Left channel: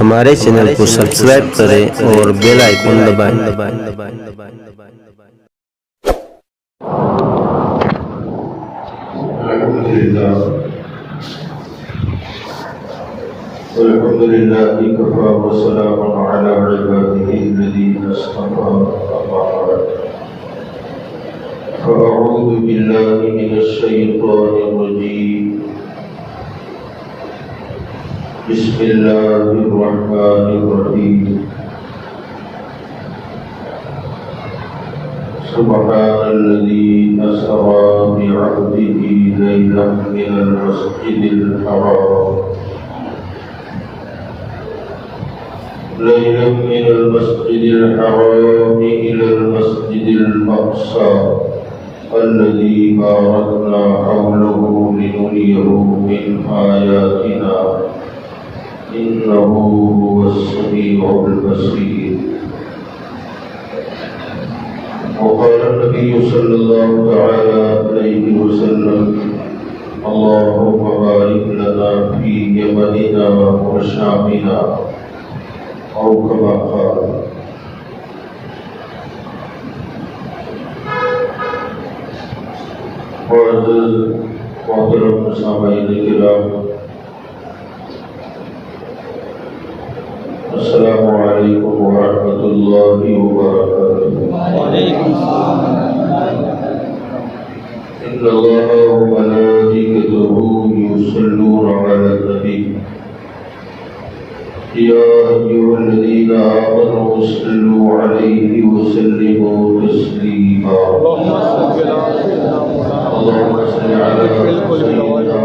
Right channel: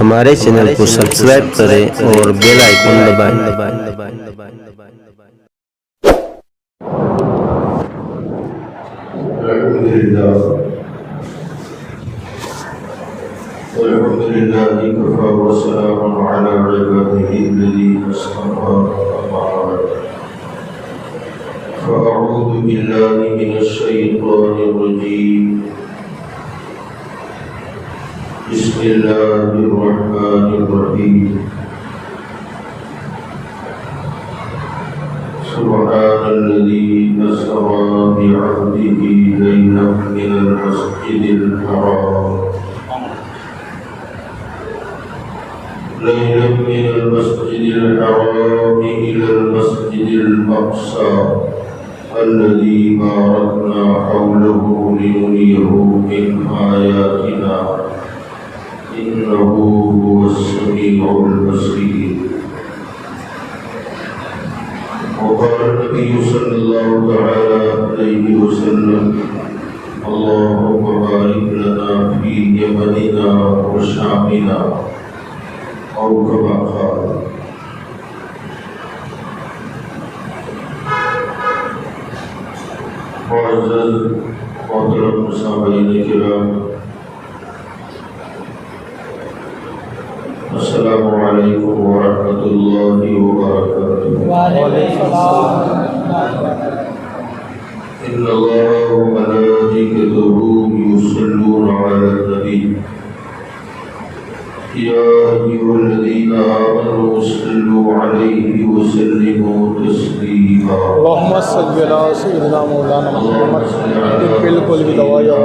ہمارے چینل کو سبسکرائب کریں اور بیل آئیکن دبائیں۔ الحمد لله كفى وسلام على عباده الذين اصطفى أما بعد فأعوذ بالله من الشيطان الرجيم بسم الله الرحمن الرحيم سبحان الذي أسرى بعبده ليلا من المسجد الحرام إلى المسجد الأقصى الذي باركنا حوله لنريه من آياتنا إنه هو السميع البصير. وقال النبي صلى الله تعالى عليه وسلم اللهم بارك لنا في يمننا وشامنا أو كما قال. معزز محترم سامعین کرام، السلام علیکم ورحمۃ اللہ وبرکاتہ. ان اللہ وملائکتہ یصلون علی النبی یا ایھا الذین آمنوا صلوا علیہ وسلموا تسلیما. اللهم صل على سيدنا مولانا محمد بالکل بدوایا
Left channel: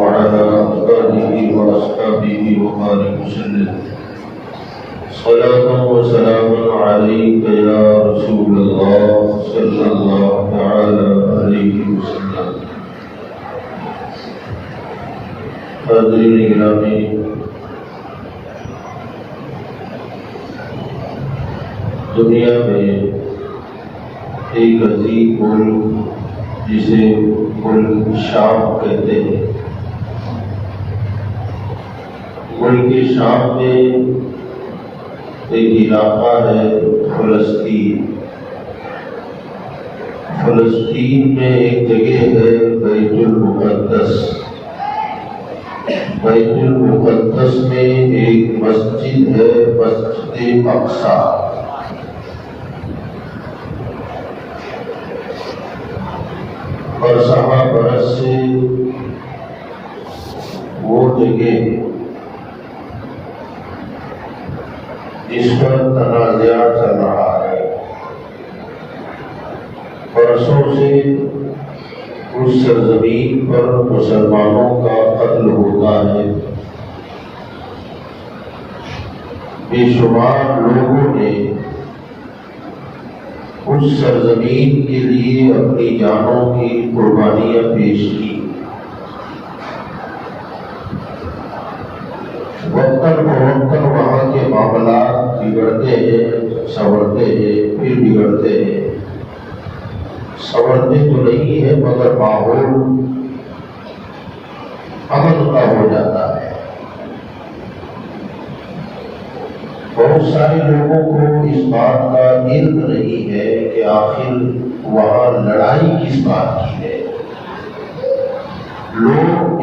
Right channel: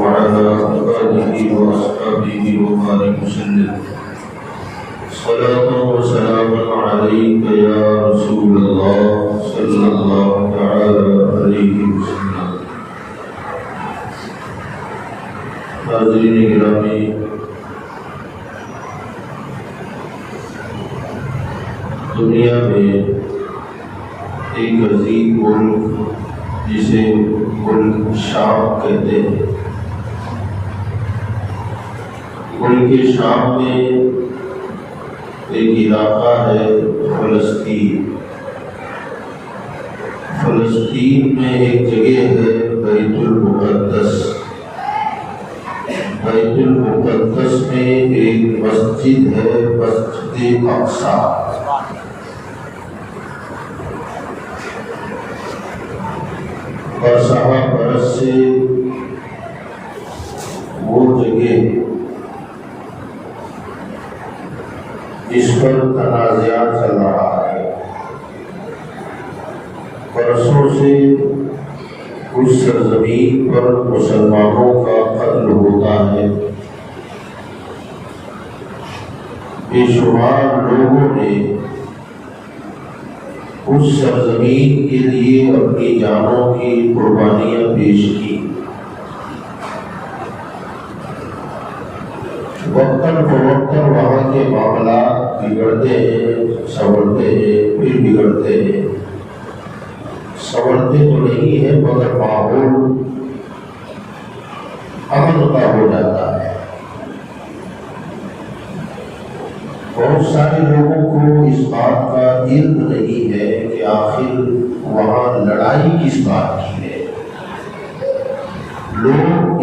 وعلى آله وأصحابه وبارك وسلم. صلاة وسلام عليك يا رسول الله صلى الله تعالى عليه وسلم. حاضرین گرامی، دنیا میں ایک عظیم ملک جسے ملک شام کہتے ہیں، ملک شام میں ایک علاقہ ہے فلسطین. فلسطین میں ایک جگہ ہے بیت المقدس. بیت المقدس میں ایک مسجد ہے، مسجد اقصی. اور صحابہ برس سے وہ جگہ اس پر تنازعہ چل رہا ہے. برسوں سے اس سرزمین پر مسلمانوں کا قتل ہوتا ہے. بے شمار لوگوں نے اس سرزمین کے لیے اپنی جانوں کی قربانیاں پیش کی. وقتاً فوقتاً وہاں کے معاملات بگڑتے ہیں، سنورتے ہیں، پھر بگڑتے ہیں. سنورتے تو نہیں ہے مگر ماحول امن کا ہو جاتا ہے. بہت سارے لوگوں کو اس بات کا علم نہیں ہے کہ آخر وہاں لڑائی کس بات کی ہے. لوگ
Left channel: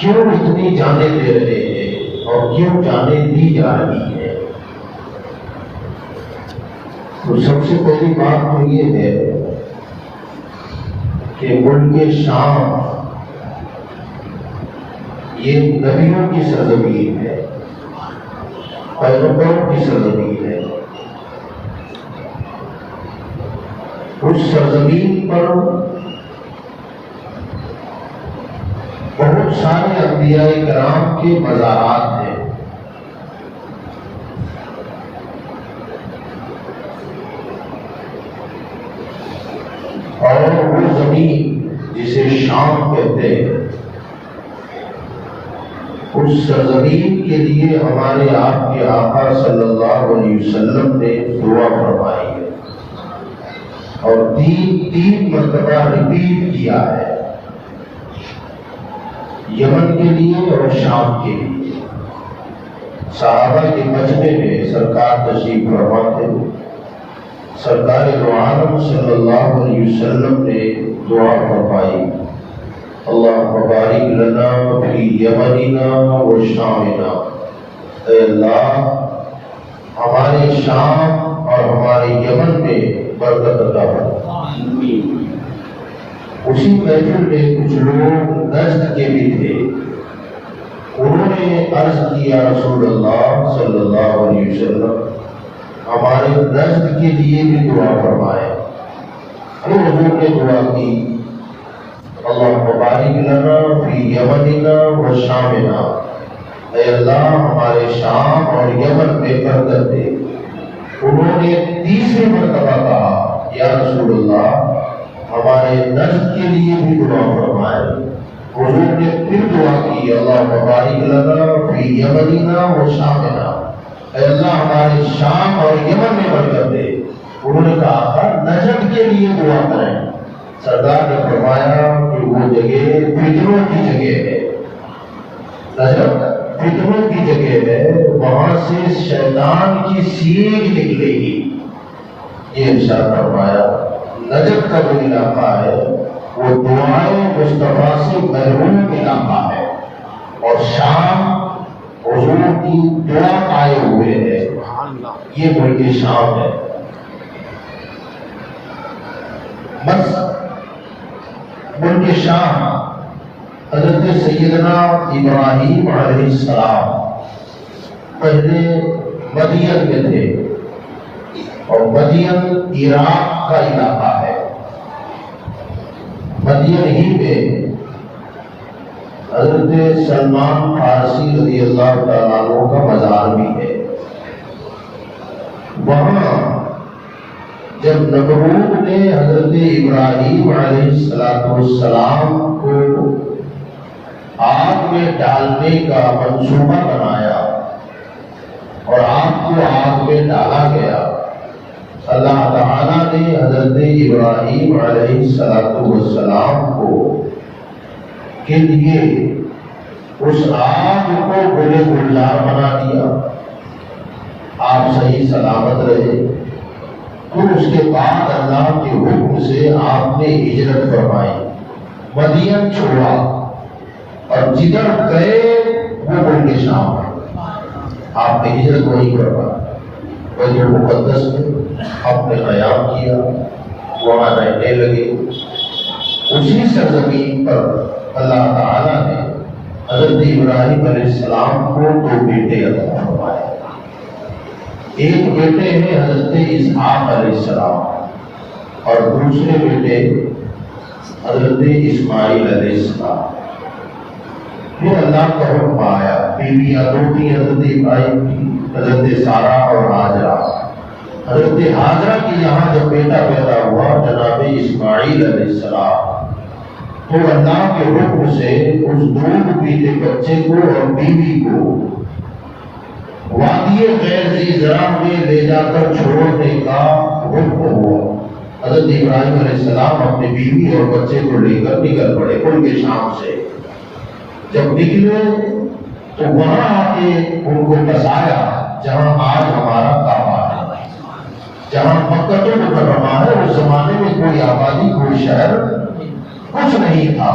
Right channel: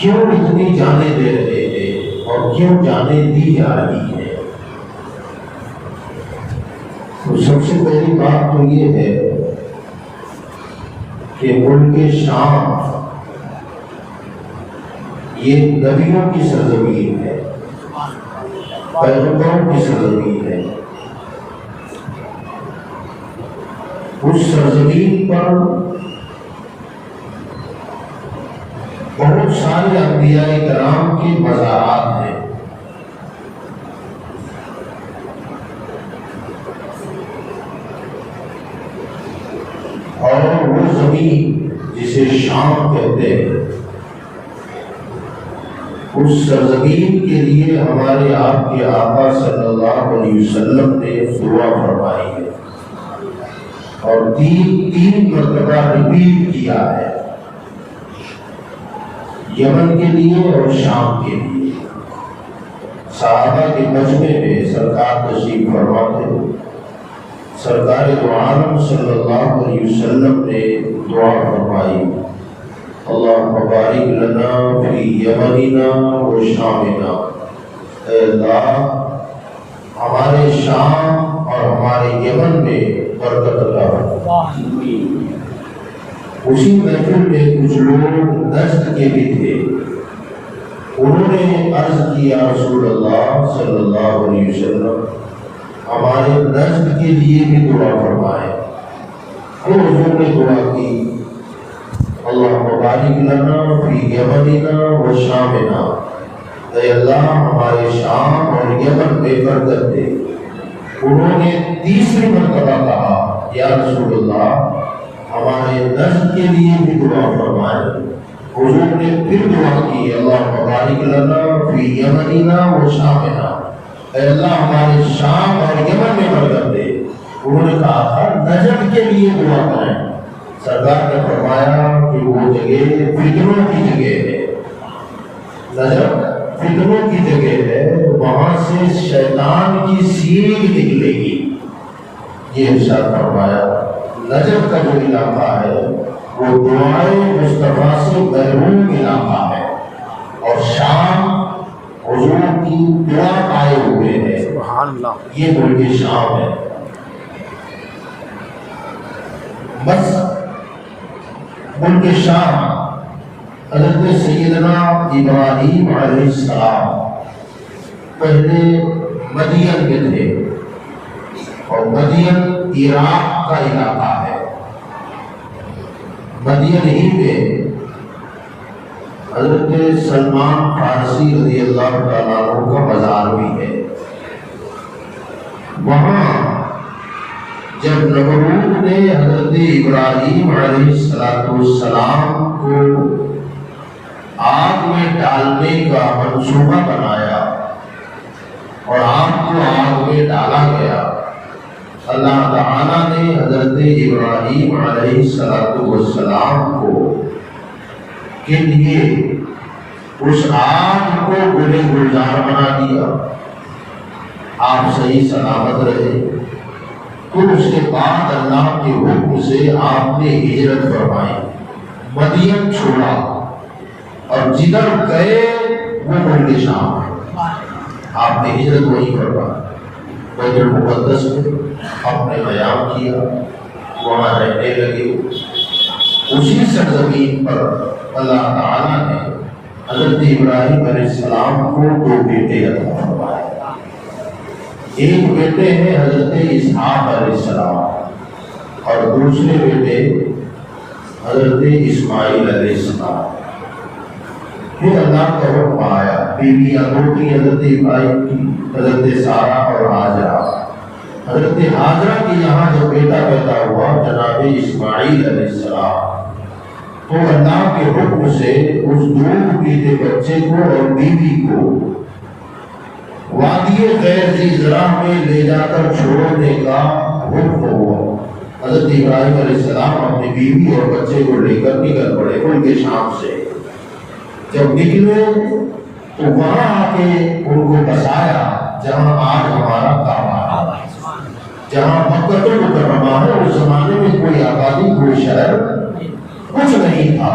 کیوں اتنی جانیں دے رہے ہیں اور کیوں جانیں دی جا رہی ہے. تو سب سے پہلی بات تو یہ ہے کہ ملک شام یہ نبیوں کی سرزمین ہے، پیغمبروں کی سرزمین ہے. اس سرزمین پر بہت سارے انبیاء کرام کے مزارات ہیں. اور وہ زمین جسے شام کہتے ہیں، اس سرزمین کے لیے ہمارے آپ کے آقا صلی اللہ علیہ وسلم نے دعا فرمائی ہے اور تین مرتبہ ریپیٹ کیا ہے. یمن کے لیے اور شام کے لیے۔ صحابہ کے مجمع میں سرکار تشریف فرما تھے۔ سرکار دو عالم صلی اللہ علیہ وسلم نے دعا فرمائی، اللہ بارک لنا فی یمننا و شامنا، اے اللہ ہمارے شام اور ہمارے یمن میں برکت عطا فرما۔ اسی محفل میں کچھ لوگ نجد کے بھی تھے، انہوں نے عرض کیا رسول اللہ صلی اللہ علیہ وسلم ہمارے نجد کے لیے بھی دعا فرمائے۔ پھر حضور نے دعا کی، اللہ بارک لنا فی یمننا و شامنا، اے اللہ ہمارے شام اور یمن میں برکت دے۔ انہوں نے تیسری مرتبہ کہا، یا رسول اللہ ہمارے نجد کے لیے بھی دعا فرمائے۔ حضور نے پھر دعا کی، اللہ بارک لنا فی یمننا و شامنا، اے اللہ ہمارے شام اور یمن میں برکت دے۔ انہوں نے کہا تھا نجد کے لیے دعا کریں۔ سردار نے فرمایا کہ وہ جگہ فتنوں کی جگہ ہے، نجد فتنوں کی جگہ ہے، وہاں سے شیطان کی سیگ نکلے گی۔ یہ ارشاد فرمایا نجد کا جو علاقہ ہے وہ دعائے مصطفیٰ سے محروم علاقہ ہے، اور شام حضور کی دعا آئے ہوئے ہے، یہ ملک شام ہے۔ بس ملک شام حضرت سیدنا ابراہیم علیہ السلام پہلے مدین میں تھے، اور مدین عراق کا علاقہ ہے۔ مدین ہی میں حضرت سلمان فارسی رضی اللہ تعالیٰ عنہ کا مزار بھی ہے۔ وہاں جب نمرود نے حضرت ابراہیم علیہ السلام کو آگ میں ڈالنے کا منصوبہ بنایا اور آگ کو آگ میں ڈالا گیا، اللہ تعالیٰ نے حضرت ابراہیم علیہ السلام کو کے لیے اس آگ کو گلے گلزار بنا دیا، آپ صحیح سلامت رہے۔ پھر اس کے بعد اللہ کے حکم سے آپ نے ہجرت فرمائی، مدین چھوڑا، اور جدھر گئے وہ ملک شام ہے۔ آپ نے ہجرت وہی فرمائی، بیت المقدس میں آپ نے قیام کیا، وہاں رہنے لگے۔ اسی سرزمین پر اللہ تعالیٰ نے حضرت ابراہیم علیہ السلام کو دو بیٹے عطا فرمائے۔ ایک بیٹے ہیں حضرت اسحاق علیہ السلام، اور دوسرے بیٹے حضرت اسماعیل علیہ السلام۔ پھر اللہ کا حکم آیا، بیویاں دو تھی حضرت ابراہیم کی، حضرت سارہ اور ہاجرہ۔ حضرت ہاجرہ کے یہاں جب بیٹا پیدا ہوا جناب اسماعیل علیہ السلام، تو اللہ کے حکم سے اس دودھ پیتے بچے کو اور بیوی کو وادی غیر ذی زرع میں لے جا کر چھوڑنے کا حکم ہوا۔ حضرت ابراہیم علیہ السلام اپنی بیوی اور بچے کو لے کر نکل پڑے ملک شام سے۔ جب نکلے تو وہاں آ کے ان کو بسایا جہاں آج ہمارا کعبہ ہے، جہاں مکہ المکرمہ ہے۔ اس زمانے میں کوئی آبادی، کوئی شہر کچھ نہیں تھا،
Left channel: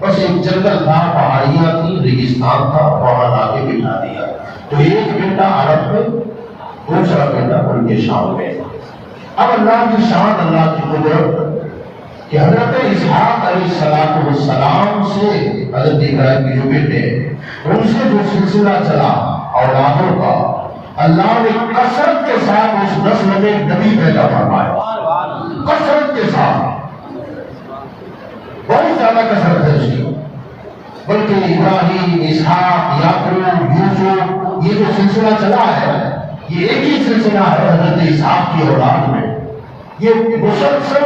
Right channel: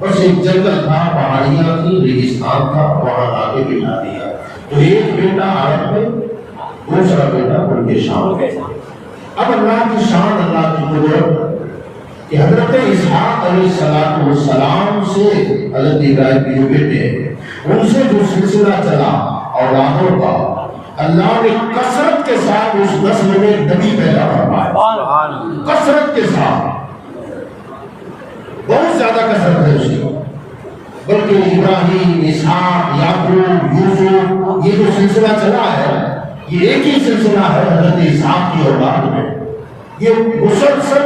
بس ایک جنگل تھا، پہاڑیاں تھی، ریگستان تھا، وہاں لا کے بٹھا دیا۔ تو ایک بیٹا عرب میں، دوسرا بیٹا ملک شام میں۔ اب اللہ کی شان، اللہ کی قدرت کہ حضرت اسحاق علیہ السلام سے حضرت ابراہیم کے جو بیٹے ہیں ان سے جو سلسلہ چلا اولادوں کا، اللہ نے کثرت کے ساتھ اس نسل میں نبی پیدا فرمایا، کثرت کے ساتھ، بہت زیادہ کثرت ہے اس کی۔ بلکہ ابراہیم، اسحاق، یعقوب، یوسف، یہ جو سلسلہ چلا ہے یہ ایک ہی سلسلہ ہے حضرت اسحاق کی اولاد میں۔ یہ مسلسل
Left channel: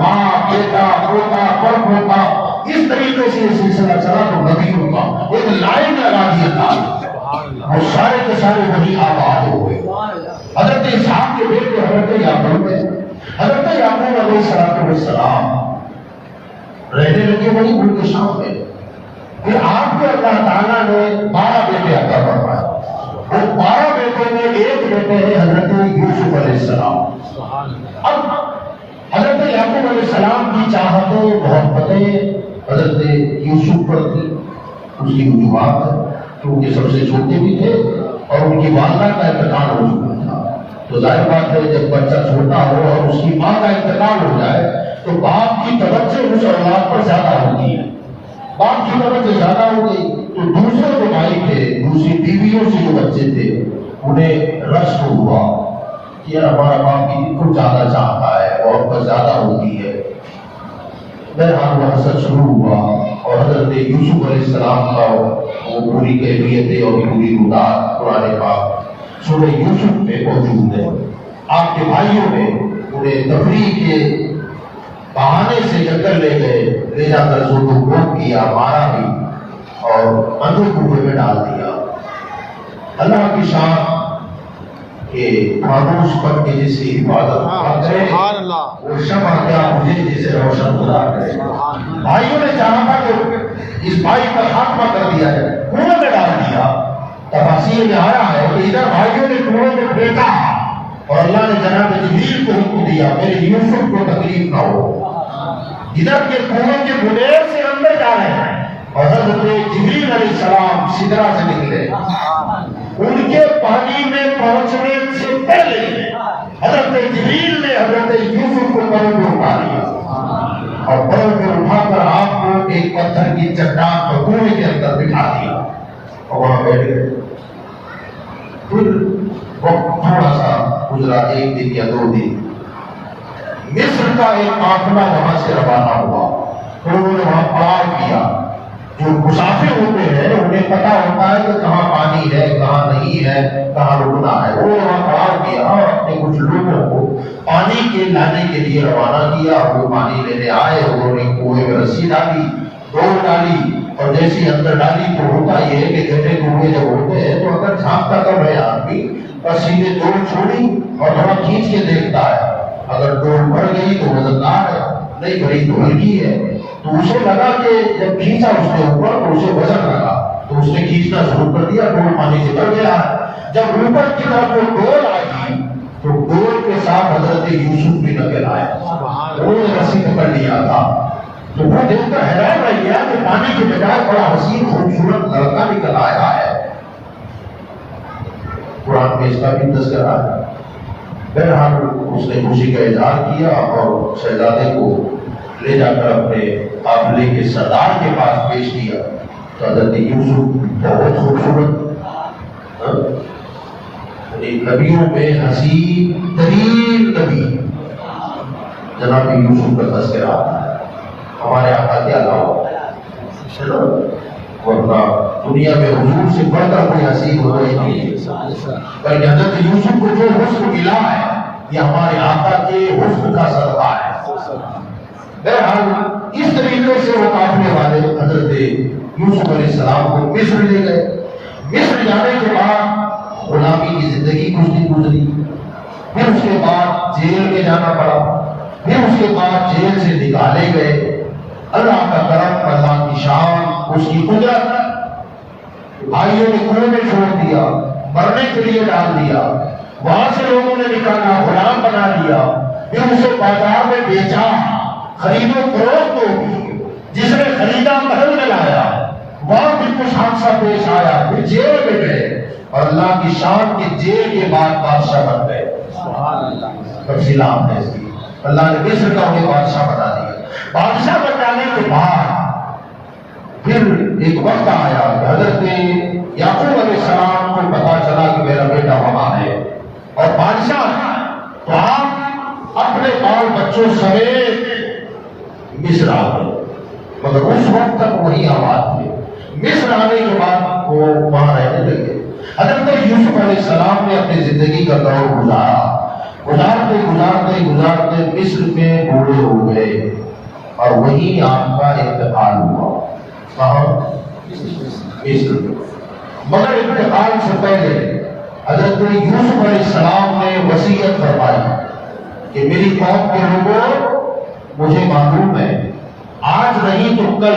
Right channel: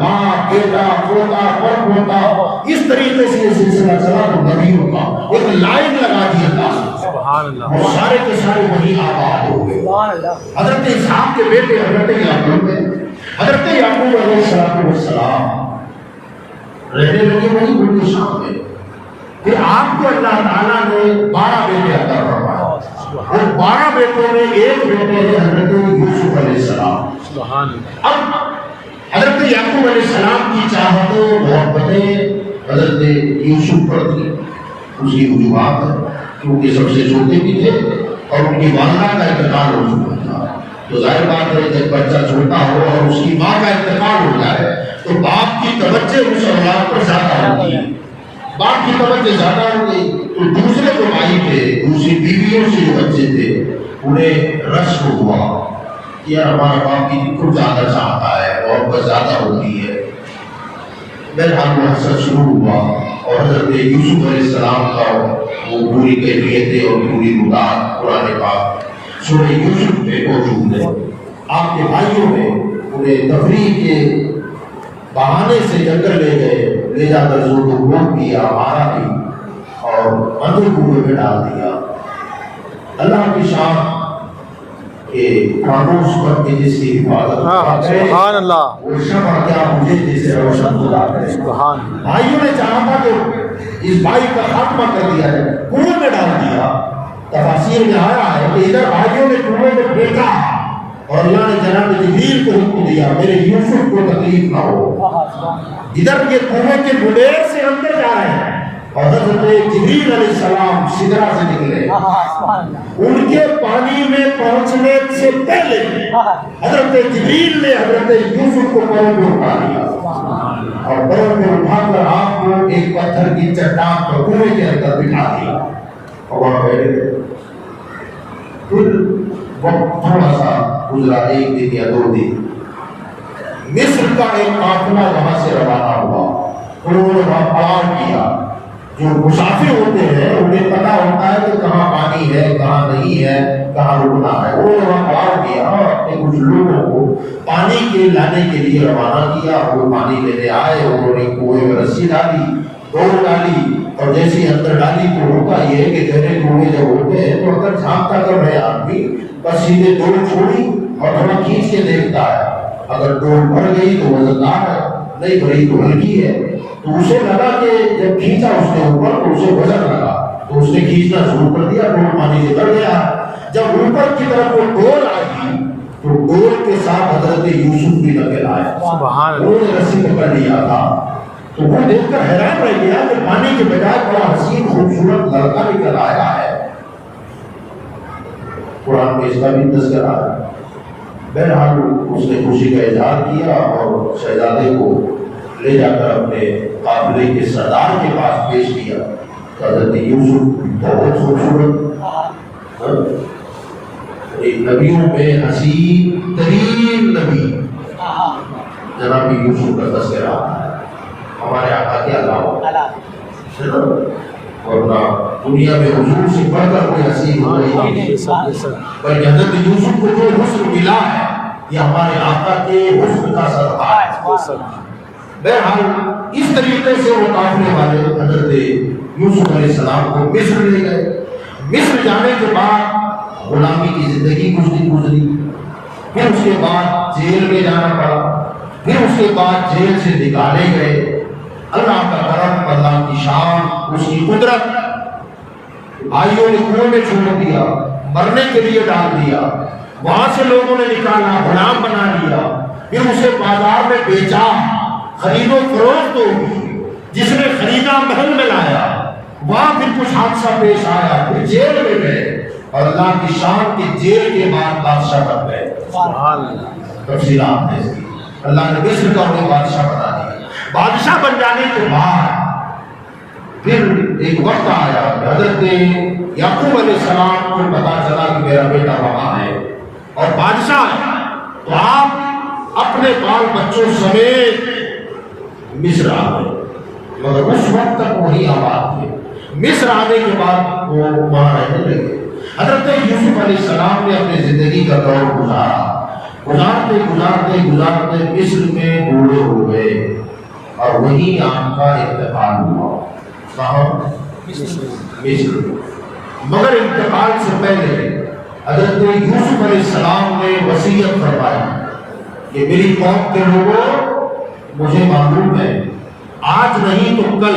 باپ، بیٹا، پوتا، پر پوتا، اس طریقے سے یہ سلسلہ چلا تو نبیوں کا ایک لائن لگا دیا تھا، اور سارے کے سارے وہی آباد ہو گئے۔ حضرت اسحاق کے بیٹے حضرت یعقوب ہیں، حضرت یعقوب علیہ السلام رہنے لگے وہی ملک شام میں۔ پھر آپ کو اللہ تعالیٰ نے 12 بیٹے عطا فرمائے، اور 12 بیٹوں میں ایک بیٹے ہے حضرت یوسف علیہ السلام۔ اب حضرت یعقوب علیہ السلام کی چاہتیں محبتیں حضرت یوسف پر تھی، اس کی وجوہات ہے کیونکہ سب سے چھوٹے بھی تھے اور ان کی والدہ کا انتقال ہو چکا تھا، تو ظاہر بات ہے جب بچہ چھوٹا ہو اور اس کی ماں کا انتقال ہو جائے تو باپ کی توجہ اس اولاد پر زیادہ ہوتی ہے، باپ کی توجہ زیادہ ہوگی تو دوسرے جو بھائی تھے، دوسری بیویوں سے جو بچے تھے، انہیں رشک ہوا کہ یار ہمارا باپ کی خود زیادہ چاہتا ہے اور بہت زیادہ ہوتی ہے۔ بہرحال وہ حسد شروع ہوا اور حضرت یوسف علیہ السلام کا وہ پوری کیفیتیں اور پوری مدت قرآن پاک سورہ یوسف میں موجود ہے۔ آپ کے بھائیوں نے انہیں تفریح کے بہانے سے جنگل لے گئے، لے جا کر زور و کوب کیا، مارا بھی اور اندر کنویں میں ڈال دیا۔ اللہ کی شان کہ خاموش پر کے جس کی حفاظت سبحان اللہ، وہ شمع کیا مجھے جسے روشن خدا کرے۔ بھائیوں نے چاہا تھا کہ اس بھائی کا خاتمہ کر دیا ہے، کنویں میں ڈال دیا۔ تفاسیر میں آیا ہے کہ ادھر بھائیوں نے کنویں میں پھینکا اور اللہ نے جناب جبریل کو حکم دیا میرے یوسف کو تکلیف نہ ہو، ادھر کے کنویں کے گلیر سے اندر جا رہے ہیں اور حضرت جبریل علیہ السلام سدرا سے نکلے، ان کے پانی میں پہنچنے سے پہلے حضرت جبریل نے حضرت یوسف کو پروں پہ اٹھا لیا اور پروں پہ اٹھا کر آپ کو ایک پتھر کی چٹان پر کنویں کے اندر بٹھا دیا اور وہاں بیٹھ گئے۔ پھر وقت تھوڑا سا گزرا، 1 دن یا 2 دن، مصر کا ایک قافلہ وہاں سے روانہ ہوا تو انہوں نے وہاں پڑاؤ کیا۔ جو مسافر ہوتے ہیں انہیں پتا ہوتا ہے کہ کہاں پانی ہے، کہاں نہیں ہے، کہاں رکنا ہے، وہ وہاں پڑاؤ کیا اور اپنے کچھ لوگوں کو پانی کے لانے کے لیے روانہ کیا۔ وہ پانی لینے آئے، انہوں نے کنویں میں رسی ڈالی، دوڑ ڈالی اور جیسے اندر ڈالی تو ہوتا یہ ہے کہ گہرے کنویں جب ہوتے ہیں تو اگر جھانکتا کر رہے آدمی بس سیدھے دوڑ چھوڑی اور ہوا کھینچ کے دیکھتا ہے، اگر دوڑ بڑھ گئی تو وزندار ہے، نہیں بھری تو ہلکی ہے۔ تو اسے لگا کہ جب کھینچا اس نے اوپر تو اسے وزن لگا تو اس نے کھینچنا شروع کر دیا، ڈول پانی سے بڑھ گیا۔ جب اوپر کی طرف وہ ڈول آئی تو ڈول کے ساتھ حضرت یوسف بھی نکل آئے، انہوں نے رسی پکڑ لیا تھا۔ تو وہ دیکھ کر حیران رہ گیا کہ پانی کے بجائے بڑا حسین خوبصورت لڑکا نکل آیا ہے۔ قرآن میں اس کا بھی تذکرہ ہے۔ بہرحال اس نے خوشی کا اظہار کیا اور شہزادے کو لے جا کر اپنے قافلے کے سردار کے پاس پیش کیا۔ تو حضرت یوسف بہت خوبصورت، نبیوں میں حسین ترین نبی جناب یوسف کا تذکرہ ہمارے آقا کے علاوہ، ورنہ دنیا میں حضور سے بڑھ کر کوئی حسین ہو رہی نہیں، بلکہ حضرت یوسف کو جو حسن ملا ہے یہ ہمارے آقا کے حسن کا صدقہ ہے۔ بہرحال اس طریقے سے وہ قافلے والے حضرت یوسف علیہ السلام کو مصر لے گئے۔ مصر جانے کے بعد غلامی کی زندگی گزری، پھر اس کے بعد جیل میں جانا پڑا، پھر اس کے بعد جیل سے نکالے گئے۔ اللہ کا کرم، اللہ کی شان، اس کی قدرت، بھائیوں نے کنویں میں چھوڑ دیا، مرنے کے لیے ڈال دیا، وہاں سے لوگوں نے نکالا، غلام بنا لیا، پھر اسے بازار میں بیچا، خرید و فروخت ہوگی، جس نے خریدا محل میں لایا، وہاں پھر کچھ حادثہ پیش آیا، پھر جیل میں گئے اور اللہ کی شان کے جیل کے بعد بادشاہ بن گئے۔ تفصیلات ہے اس کی، اللہ نے مصر کا انہیں بادشاہ بنا دیا۔ بادشاہ بن جانے کے بعد پھر ایک وقت آیا، حضرت یعقوب علیہ السلام کو پتا چلا کہ میرا بیٹا وہاں ہے اور بادشاہ ہے، تو آپ اپنے بال بچوں سمیت مصر آ گئے، مگر اس وقت تک وہی آباد تھے۔ مصر آنے کے بعد وہ وہاں رہنے لگے۔ حضرت یوسف علیہ السلام نے اپنی زندگی کا دور گزارتے مصر میں بوڑھے ہو گئے اور وہیں آپ کا انتقال ہوا۔ کہاں؟ مصر۔ مگر انتقال سے پہلے حضرت یوسف علیہ السلام نے وصیت فرمائی کہ میری قوم کے لوگوں، مجھے معلوم ہے آج نہیں تو کل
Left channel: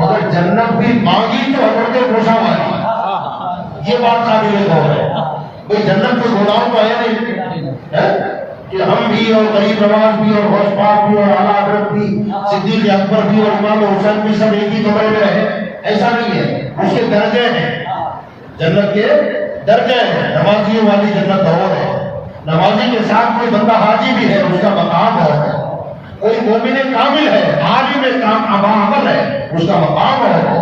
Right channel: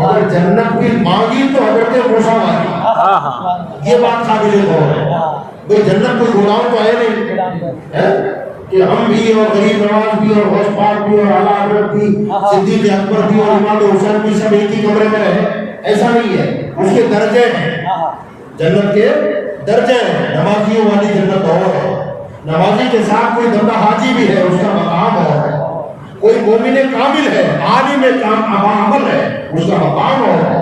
مگر جنت بھی مانگی تو حضرت موسیٰ والی، یہ بات قابل غور ہے۔ کوئی جنت کوئی گناہوں تو ہے نہیں کہ ہم بھی اور غریب نواز بھی اور غوث پاک بھی اور اعلیٰ حضرت بھی صدیق اکبر بھی اور امام حسین بھی سب ایک ہی کمرے میں رہے، ایسا نہیں ہے۔ اس کے درجے ہیں، جنت کے درجے ہیں۔ نمازیوں والی جنت اور ہے، نمازی کے ساتھ کوئی بندہ حاجی بھی ہے، اس کا مقام اور ہے۔ کوئی مومن کامل ہے، عالم عمل ہے، اس کا مقام اور ہے۔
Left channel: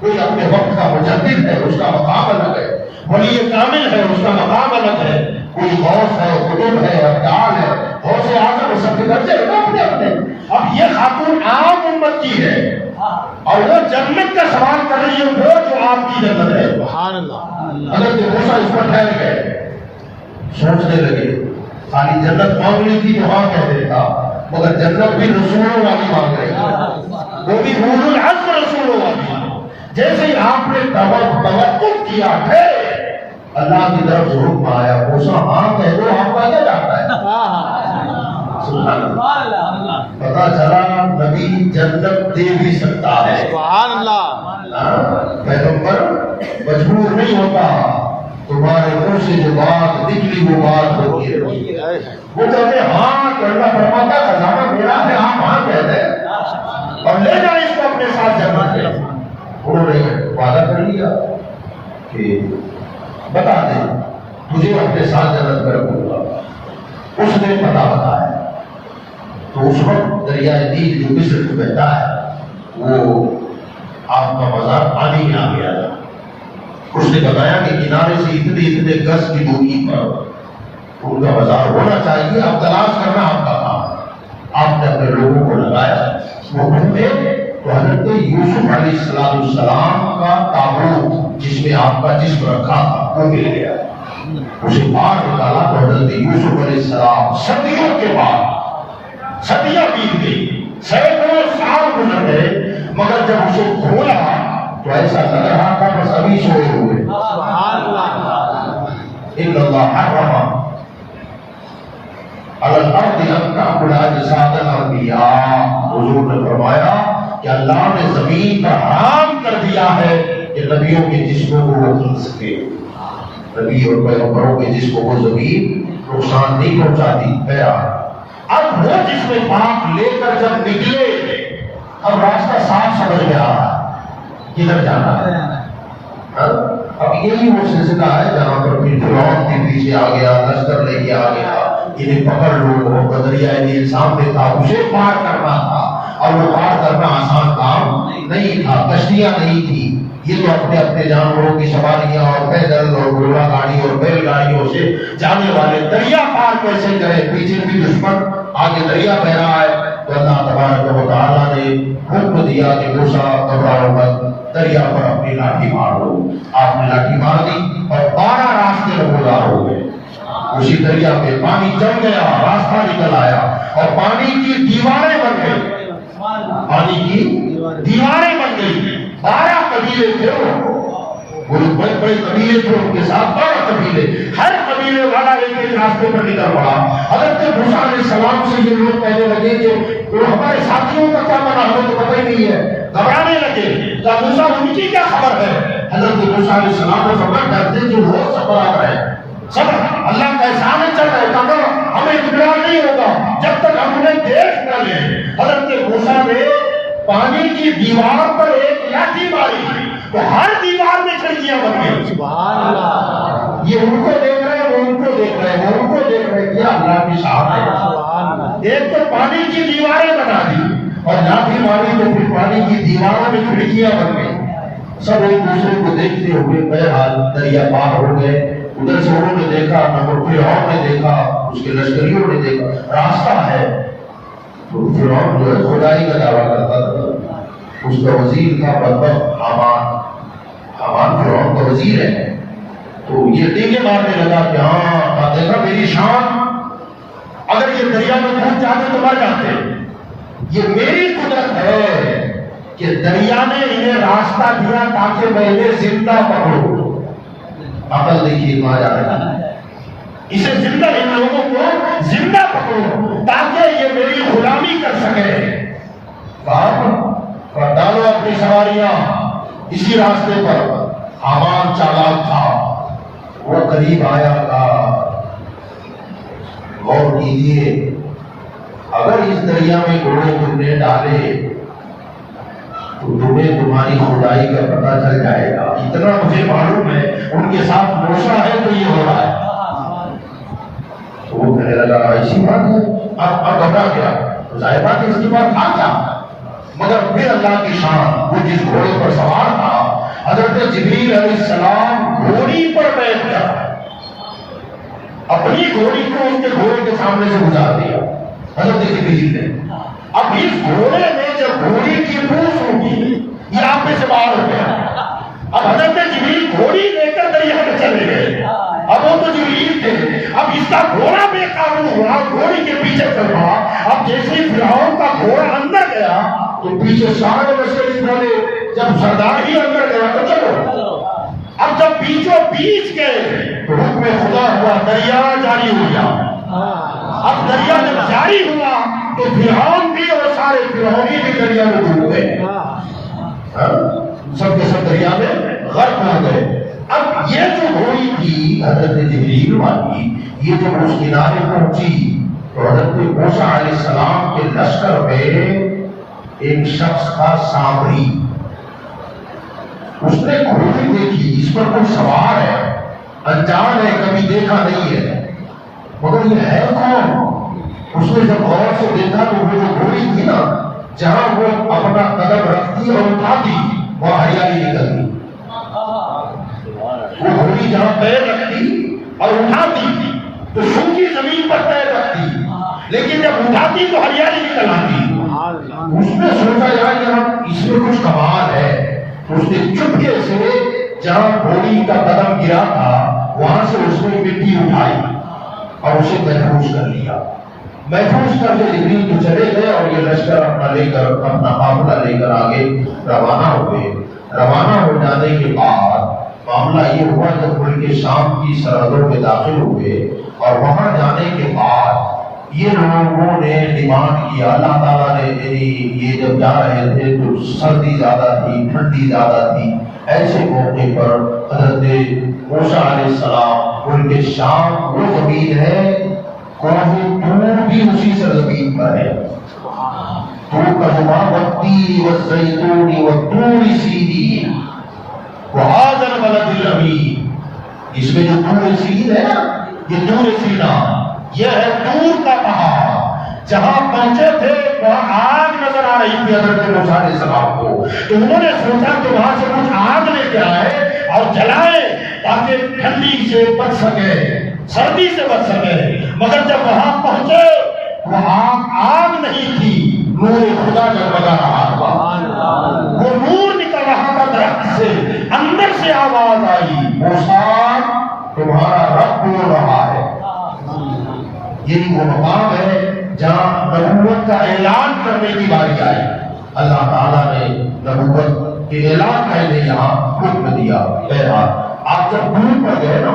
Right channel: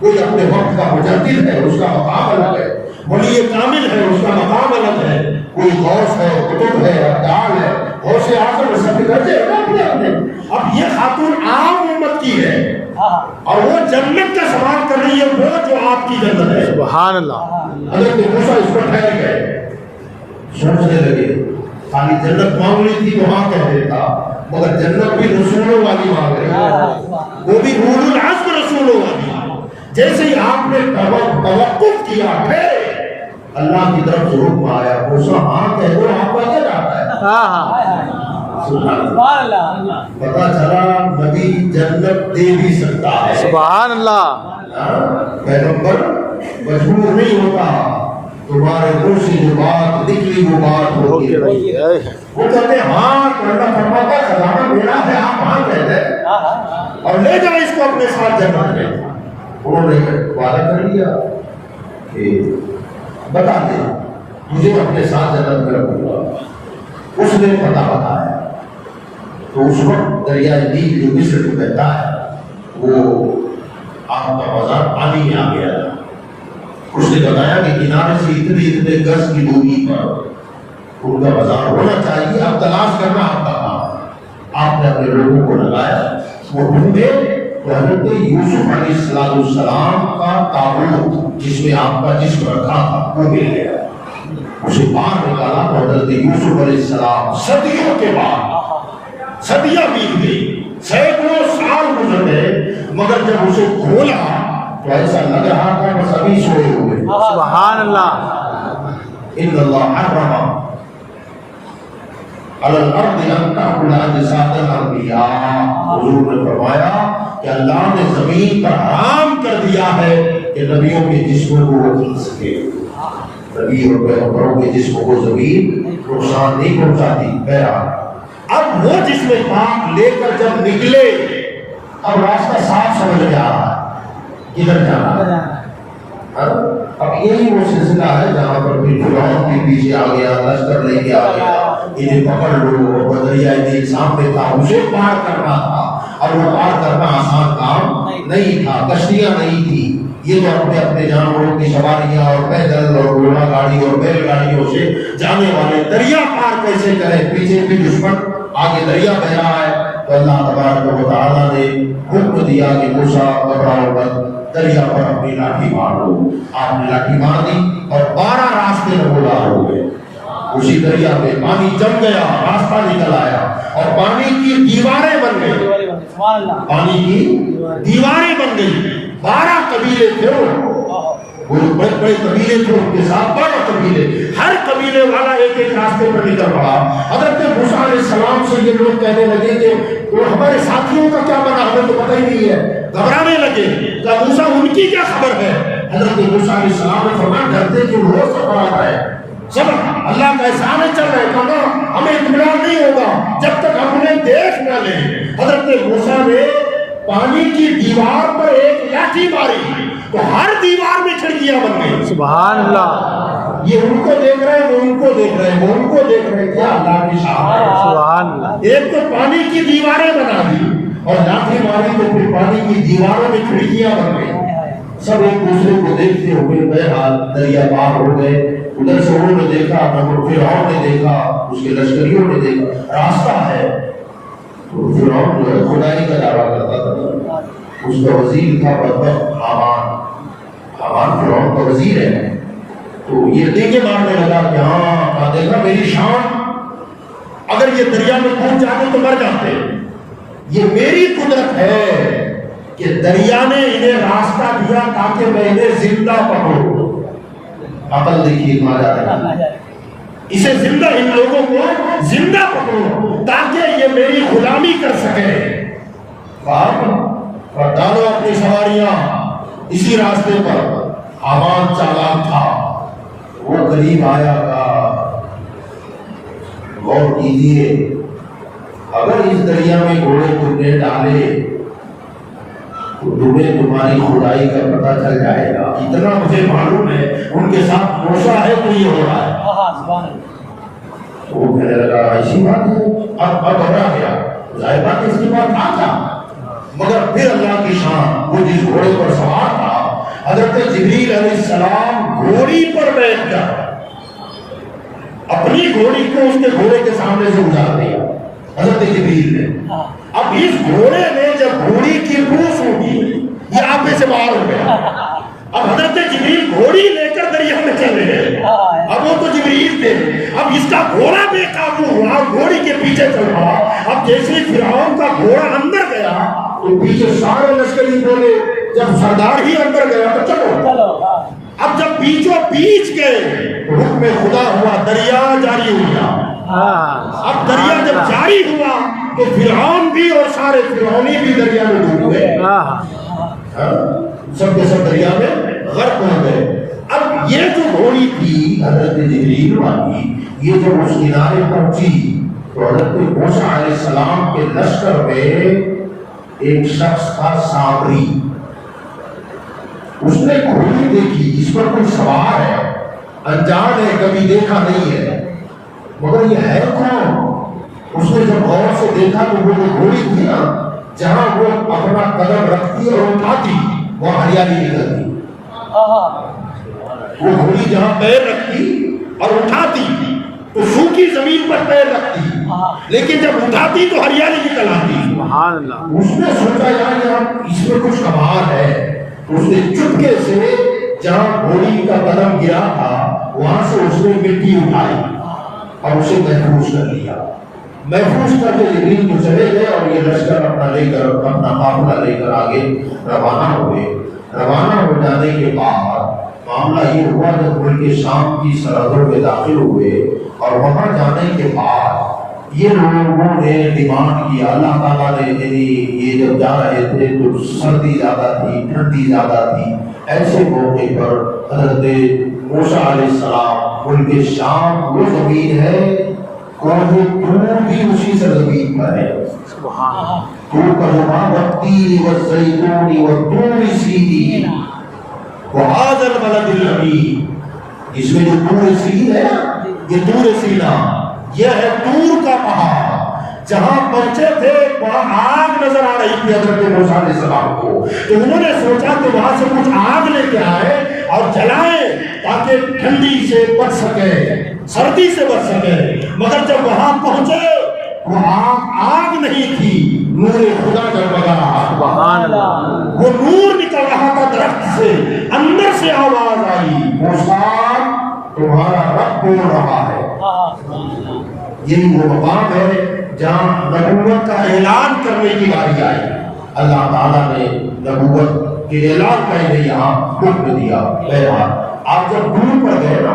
کوئی اپنے وقت کا مجدد ہے، اس کا مقام الگ ہے۔ ولی کامل ہے، اس کا مقام الگ ہے۔ کوئی غوث ہے، قطب ہے، ابدال ہے، غوث اعظم، سب کے درجے اپنے اپنے۔ اب یہ خاتون عام امت کی ہے اور وہ جنت کا سوال کر رہی ہے، وہ جو آپ کی جنت ہے۔ سبحان اللہ۔ حضرت موسیٰ اس پر ٹھہر گئے، سوچنے لگے۔ خالی جنت مانگ لی تھی تو ہاں کہہ دیتا، مگر جنت بھی رسولوں والی مانگ رہی، وہ بھی اولو العزم رسولوں والی۔ جیسے ہی آپ نے توقف کیا پھر اللہ کی طرف سے حکم آیا، موسیٰ ہاں کہہ دو، آپ کا کیا چاہتا ہے؟ پتا چلا نبی جنت دے بھی سکتا ہے۔ سبحان اللہ۔ پیغمبر مجبور نہیں ہوتا، تمہارے منہ سے جو بات نکلی وہ بات ہوتی ہے۔ وہ کہتے ہیں ہاں کرنا فرماتا، خزانہ میرا ہے، آپ ہاں کہتے ہیں اور لے جائیں اس کو اپنے ساتھ جنت میں۔ انہوں نے وعدہ کر لیا کہ بتا دے مجھے اپنے ساتھ جنت میں رکھوں گا۔ اس نے پتہ بتایا تو اس وقت دریائے نیل جو مصر کو بہتا ہے وہ آپ کا بازار پانی میں آ گیا۔ اس نے بتایا کہ کنارے سے اتنے گز کی دوری پر ان کا بازار ہونا چاہیے، اب تلاش کرنا آپ کا کام۔ آپ نے اپنے لوگوں کو لگایا، وہ ڈھونڈے تو حضرت یوسف علیہ السلام کا تابوت جس میں آپ کا جسم رکھا تھا وہ مل گیا۔ اسے باہر نکالا تو حضرت یوسف علیہ السلام صدیوں کے بعد، صدیاں بیت گئی، سینکڑوں سال گزر گئے، مگر جب اسے کھولا تو ایسا لگ رہا تھا کہ سبھی سوئے ہوئے۔ سبحان اللہ۔ ان اللہ حرم علی الارض ان تأکل اجساد الانبیاء، حضور نے فرمایا کہ اللہ نے زمین پر حرام کر دیا ہے کہ نبیوں کے جسموں کو وہ کھا سکے۔ نبی اور پیغمبروں کے جسموں کو زمین نقصان نہیں پہنچاتی۔ اب وہ جسم پاک لے کر جب نکلے، اب راستہ صاف سمجھ میں آ رہا ہے کدھر جانا ہے۔ اب یہی وہ سلسلہ ہے جہاں پر پھر فرعون بھی پیچھے آ گیا، لشکر لے کے آ گیا، انہیں پکڑ لو، دریائے نیل سامنے تھا، اسے پار کرنا تھا اور وہ پار کرنا آسان کام نہیں تھا، کشتیاں نہیں تھی، یہ تو اپنے اپنے جانوروں کی سواریاں اور پیدل اور گھوڑا گاڑی اور بیل گاڑیوں سے جانے والے دریا پار کیسے کریں، پیچھے بھی دشمن، آگے دریا بہ رہا ہے۔ تو اللہ تبارک و تعالیٰ نے حکم دیا کہ موسیٰ گھبراؤ مت، دریا پر اپنی لاٹھی مارو۔ آپ نے لاٹھی مار دی اور 12 راستے نمودار ہو گئے۔ اسی دریا میں پانی جم گیا، راستہ نکل آیا اور پانی کی دیواریں بن گئی، پانی کی دیواریں بن گئی۔ 12 قبیلے تھے، وہ بڑے بڑے قبیلے تھے، ان کے ساتھ 12 قبیلے، ہر قبیلے والا ایک ایک راستے پر نکل پڑا۔ حضرت موسیٰ علیہ السلام سے یہ لوگ کہنے لگے کہ وہ ہمارے ساتھیوں کا کیا بنا، ہمیں تو پتہ ہی نہیں ہے، گھبرانے لگے کہ موسیٰ ان کی کیا خبر ہے۔ حضرت موسیٰ علیہ السلام نے فرمایا ڈرتے کہ وہ صبر ہے، صبر، اللہ کا احسان چل رہا ہے، کہا ہمیں اطمینان نہیں ہوگا جب تک ہم انہیں دیکھ نہ لیں۔ حضرت موسیٰ نے پانی کی دیوار پر ایک لاٹھی ماری تو ہر دیوار میں کھڑکیاں بن گئی۔ سبحان اللہ۔ یہ ان کو دیکھ رہے ہیں، وہ ان کو دیکھ رہے ہیں، وہ ان کو دیکھ رہے ہیں، کیا اللہ کی شان ہے۔ سبحان اللہ۔ ایک تو پانی کی دیواریں بنا دی اور لاٹھی ماری تو پھر پانی کی دیواروں میں کھڑکیاں بن گئی۔ سب ایک دوسرے کو دیکھتے ہوئے بہرحال دریا پار ہو گئے۔ ادھر سے انہوں نے دیکھا، فرعون نے دیکھا، اس کے لشکریوں نے دیکھا راستہ ہے۔ فرعون جو ہے خدائی کا دعویٰ کرتا تھا، اس کا وزیر تھا بدبخت حامان۔ حامان فرعون کا وزیر ہے، تو یہ ڈینگے مارنے لگا کہ ہاں دیکھا میری شان، اگر یہ دریا میں کود جاتے تو مر جاتے، یہ میری قدرت ہے کہ دریا نے انہیں راستہ دیا تاکہ میں انہیں زندہ پکڑوں۔ عقل دیکھیے کہاں جا رہا ہے، اسے زندہ، ان لوگوں کو زندہ پکڑو تاکہ یہ میری غلامی کر سکے۔ اور ڈالو اپنی سواریاں اسی راستے پر۔ حامان چالاک تھا، وہ قریب آیا کا غور کیجیے، اگر اس دریا میں گھوڑے تم نے ڈالے تو تمہیں تمہاری خدائی کا پتہ چل جائے گا، اتنا مجھے معلوم ہے ان کے ساتھ موشا ہے تو یہ ہو رہا ہے۔ وہ کہنے لگا ایسی بات ہے، اب گھبرا گیا، ظاہر بات اس کی بات تھا، مگر پھر اللہ کی شان، وہ جس گھوڑے پر سوار تھا حضرت جبریل علیہ السلام گھوڑی پر بیٹھ گیا، اپنی گھوڑی کو اس کے گھوڑے کے سامنے سے گزار دیا حضرت جبریل نے۔ اب اس گھوڑے نے جب گھوڑی کی پوچھ ہوگی یہ آپے سے باہر ہو گیا، اب حضرت جبریل گھوڑی لے کر دریا میں چلے گئے، اب وہ تو جبریل تھے، اب اس کا گھوڑا بے قابو ہوا، گھوڑی کے پیچھے چل رہا، اب جیسے ہی فرعون کا گھوڑا اندر گیا تو پیچھے سارے لشکری بولے، جب سردار ہی اندر گیا تو چلو، اب جب بیچوں بیچ گئے تو حکم خدا ہوا، دریا جاری ہو گیا۔ اب دریا جب جاری ہوا تو فرعون بھی اور سارے فرعونی بھی دریا میں ڈوب گئے، سب کے سب دریا میں غرق ہو گئے۔ اب یہ جو گھوڑی تھی حضرت جبریل والی، یہ جب اس کنارے پہنچی تو حضرت موسیٰ علیہ السلام کے لشکر میں ایک شخص کا سامری، اس نے گھوڑی دیکھی، اس پر کوئی سوار ہے، انجان ہے، کبھی دیکھا نہیں ہے، مگر یہ ہے کون؟ اس نے جب غور سے دیکھا تو وہ گھوڑی تھی نا، جہاں وہ اپنا قدم رکھتی اور اٹھاتی وہاں ہریالی نکلتی، وہ گھوڑی جہاں پیر رکھتی اور اٹھاتی تو سوکھی زمین پر پیر رکھتی، لیکن جب اٹھاتی تو ہریالی نکل آتی۔ اس نے سوچا یہاں اس میں کچھ کمال ہے، اس نے چپکے سے جہاں گھوڑی کا قدم گرا تھا وہاں سے اس نے مٹی اٹھائی اور اسے محفوظ کر لیا۔ محفوظ کر کے جبریل تو چلے گئے اور یہ لشکر اپنا قافلہ لے کر آگے روانہ ہوئے۔ روانہ ہو جانے کے بعد معاملہ یہ ہوا جب ملک شام کی سرحدوں میں داخل ہوئے اور وہاں جانے کے بعد یہ لوگوں نے ڈیمانڈ کیا، اللہ تعالیٰ نے یہ جب جا رہے تھے تو سردی زیادہ تھی، ٹھنڈی زیادہ تھی، ایسے موقع پر حضرت موسیٰ علیہ السلام، ملک شام وہ زمین ہے، کوہ طور بھی اسی سرزمین پر ہے، طور کا جواب والتین والزیتون والطور سینین وہذا البلد الامین، اس میں جو طور سینین ہے نا، یہ طور سینا، یہ ہے طور کا پہاڑ، جہاں پہنچے تھے وہاں آگ نظر آ رہی تھی حضرت موسیٰ علیہ السلام کو، تو انہوں نے سوچا کہ وہاں سے کچھ آگ لے کے آئے اور جلائیں تاکہ ٹھنڈی سے بچ سکے، سردی سے بچ سکے، مگر جب وہاں پہنچے وہ آگ نہیں تھی، نور خدا جگمگا رہا، وہ نور نکل رہا تھا درخت سے، اندر سے آواز آئی، موسیٰ تمہارا رب بول رہا ہے۔ یہی وہ مقام ہے جہاں نبوت کا اعلان کرنے کی باری آئی، اللہ تعالیٰ نے نبوت کے اعلان کا انہیں یہاں حکم دیا۔ بہرحال آپ جب دور پر گئے نا،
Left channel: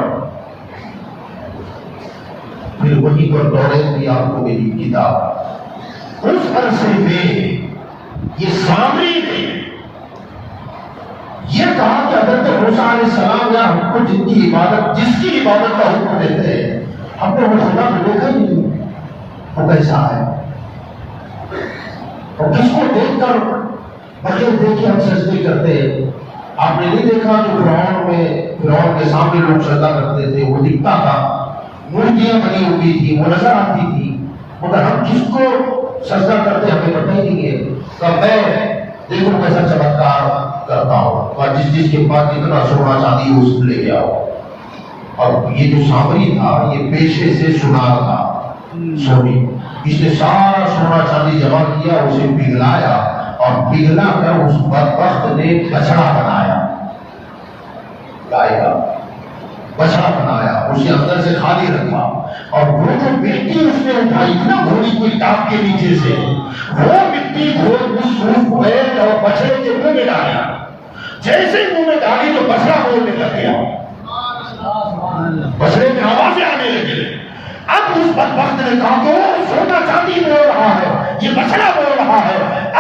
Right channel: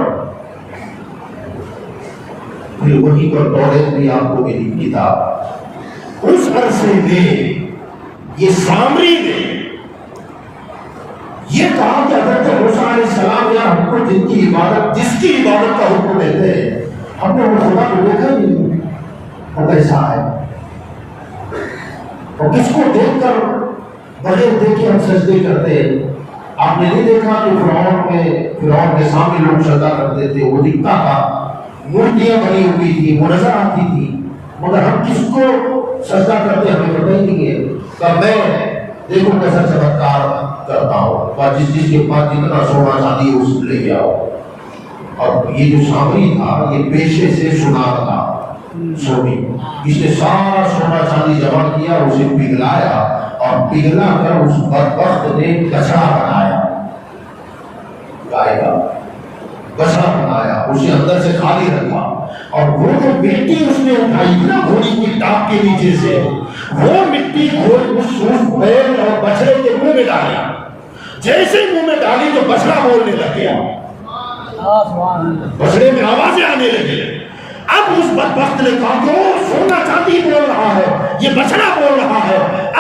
پھر وہیں پر توریت بھی آپ کو ملی کتاب، اس عرصے میں یہ سامری نے یہ کہا کہ حضرت موسیٰ علیہ السلام یا ہم کو جن کی عبادت، جس کی عبادت کا حکم دیتے ہیں، ہم نے وہ خدا کو دیکھا نہیں، وہ کیسا ہے، اور کس کو دیکھ کر بغیر دیکھے ہم سجدے کرتے ہیں؟ آپ نے نہیں دیکھا کہ فرعون کے سامنے لوگ سجدہ کرتے تھے، وہ دکھتا تھا، مورتیاں بنی ہوئی تھی، وہ نظر آتی تھی، مگر ہم کس کو سجدہ کرتے ہمیں پتہ ہی نہیں ہے۔ کہ میں دیکھو کیسا چمتکار کرتا ہوں، اور جس کے پاس جتنا سونا چاندی اس لے کے آؤ۔ اور یہ جو سامری تھا یہ پیشے سے سنار تھا، سونی، اس نے سارا سونا چاندی جمع کیا، اسے پگھلایا اور پگھلا کر اس بدبخت نے بچڑا بنایا، گائے کا بچڑا بنایا، اسے اندر سے خالی رکھا، اور وہ جو مٹی اس نے اٹھائی نا گھوڑی کی ٹاپ کے نیچے سے، وہ مٹی گھوڑ اس سوف بیل اور بچڑے کے منہ میں ڈالا، جیسے منہ میں ڈالی تو بچڑا بولنے لگ گیا، بچڑے میں آوازیں آنے لگی۔ اب اس بدبخت نے کہا کہ وہ سونا چاندی بول رہا ہے، یہ بچڑا بول رہا ہے،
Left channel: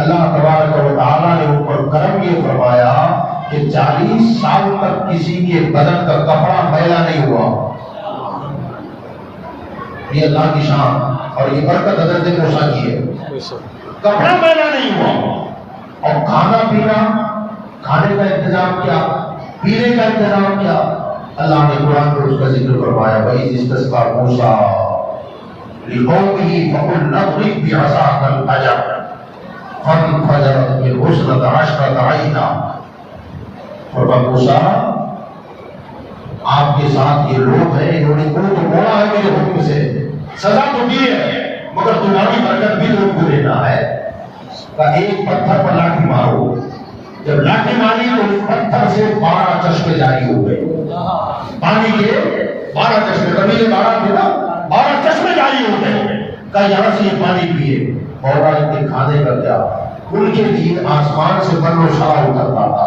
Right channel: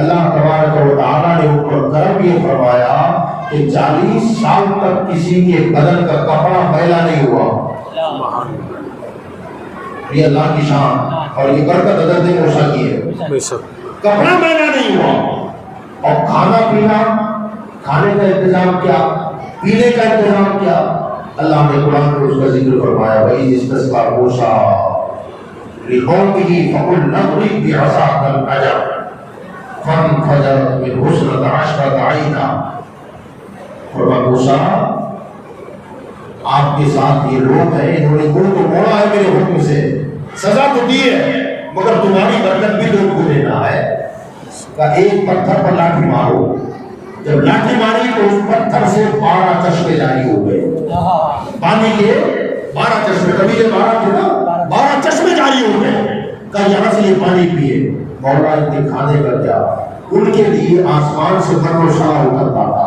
اللہ تبارک و تعالیٰ نے ان پر کرم یہ فرمایا کہ 40 سال تک کسی کے بدن کا کپڑا میلا نہیں ہوا. یہ اللہ کی شان اور یہ برکت حضرت موسیٰ کی ہے. بے شک. کپڑا میلا نہیں ہوا. اور کھانا پینا، کھانے کا انتظام کیا، پینے کا انتظام کیا. اللہ نے قرآن میں اس کا ذکر فرمایا وَإِذِ اسْتَسْقَىٰ مُوسَىٰ لِقَوْمِهِ فَقُلْنَا اضْرِب بِّعَصَاكَ الْحَجَرَ فَانْفَجَرَتْ مِنْهُ اثْنَتَا عَشْرَةَ عَيْنًا. اور موسیٰ آپ کے ساتھ یہ لوگ ہیں، انہوں نے منہ تو موڑا ہے میرے حکم سے، سزا تو دی ہے، مگر تمہاری برکت بھی تو ان کو دینا ہے. کہ ایک پتھر پر لاٹھی مارو. جب لاٹھی ماری تو اس پتھر سے 12 چشمے جاری ہو گئے. پانی کے 12 چشمے، کبھی 12 تھے نا، 12 چشمے جاری ہو گئے. کہ یہاں سے یہ پانی پیے. مولا ان کے کھانے کا کیا، ان کے لیے آسمان سے من و سلا اترتا تھا.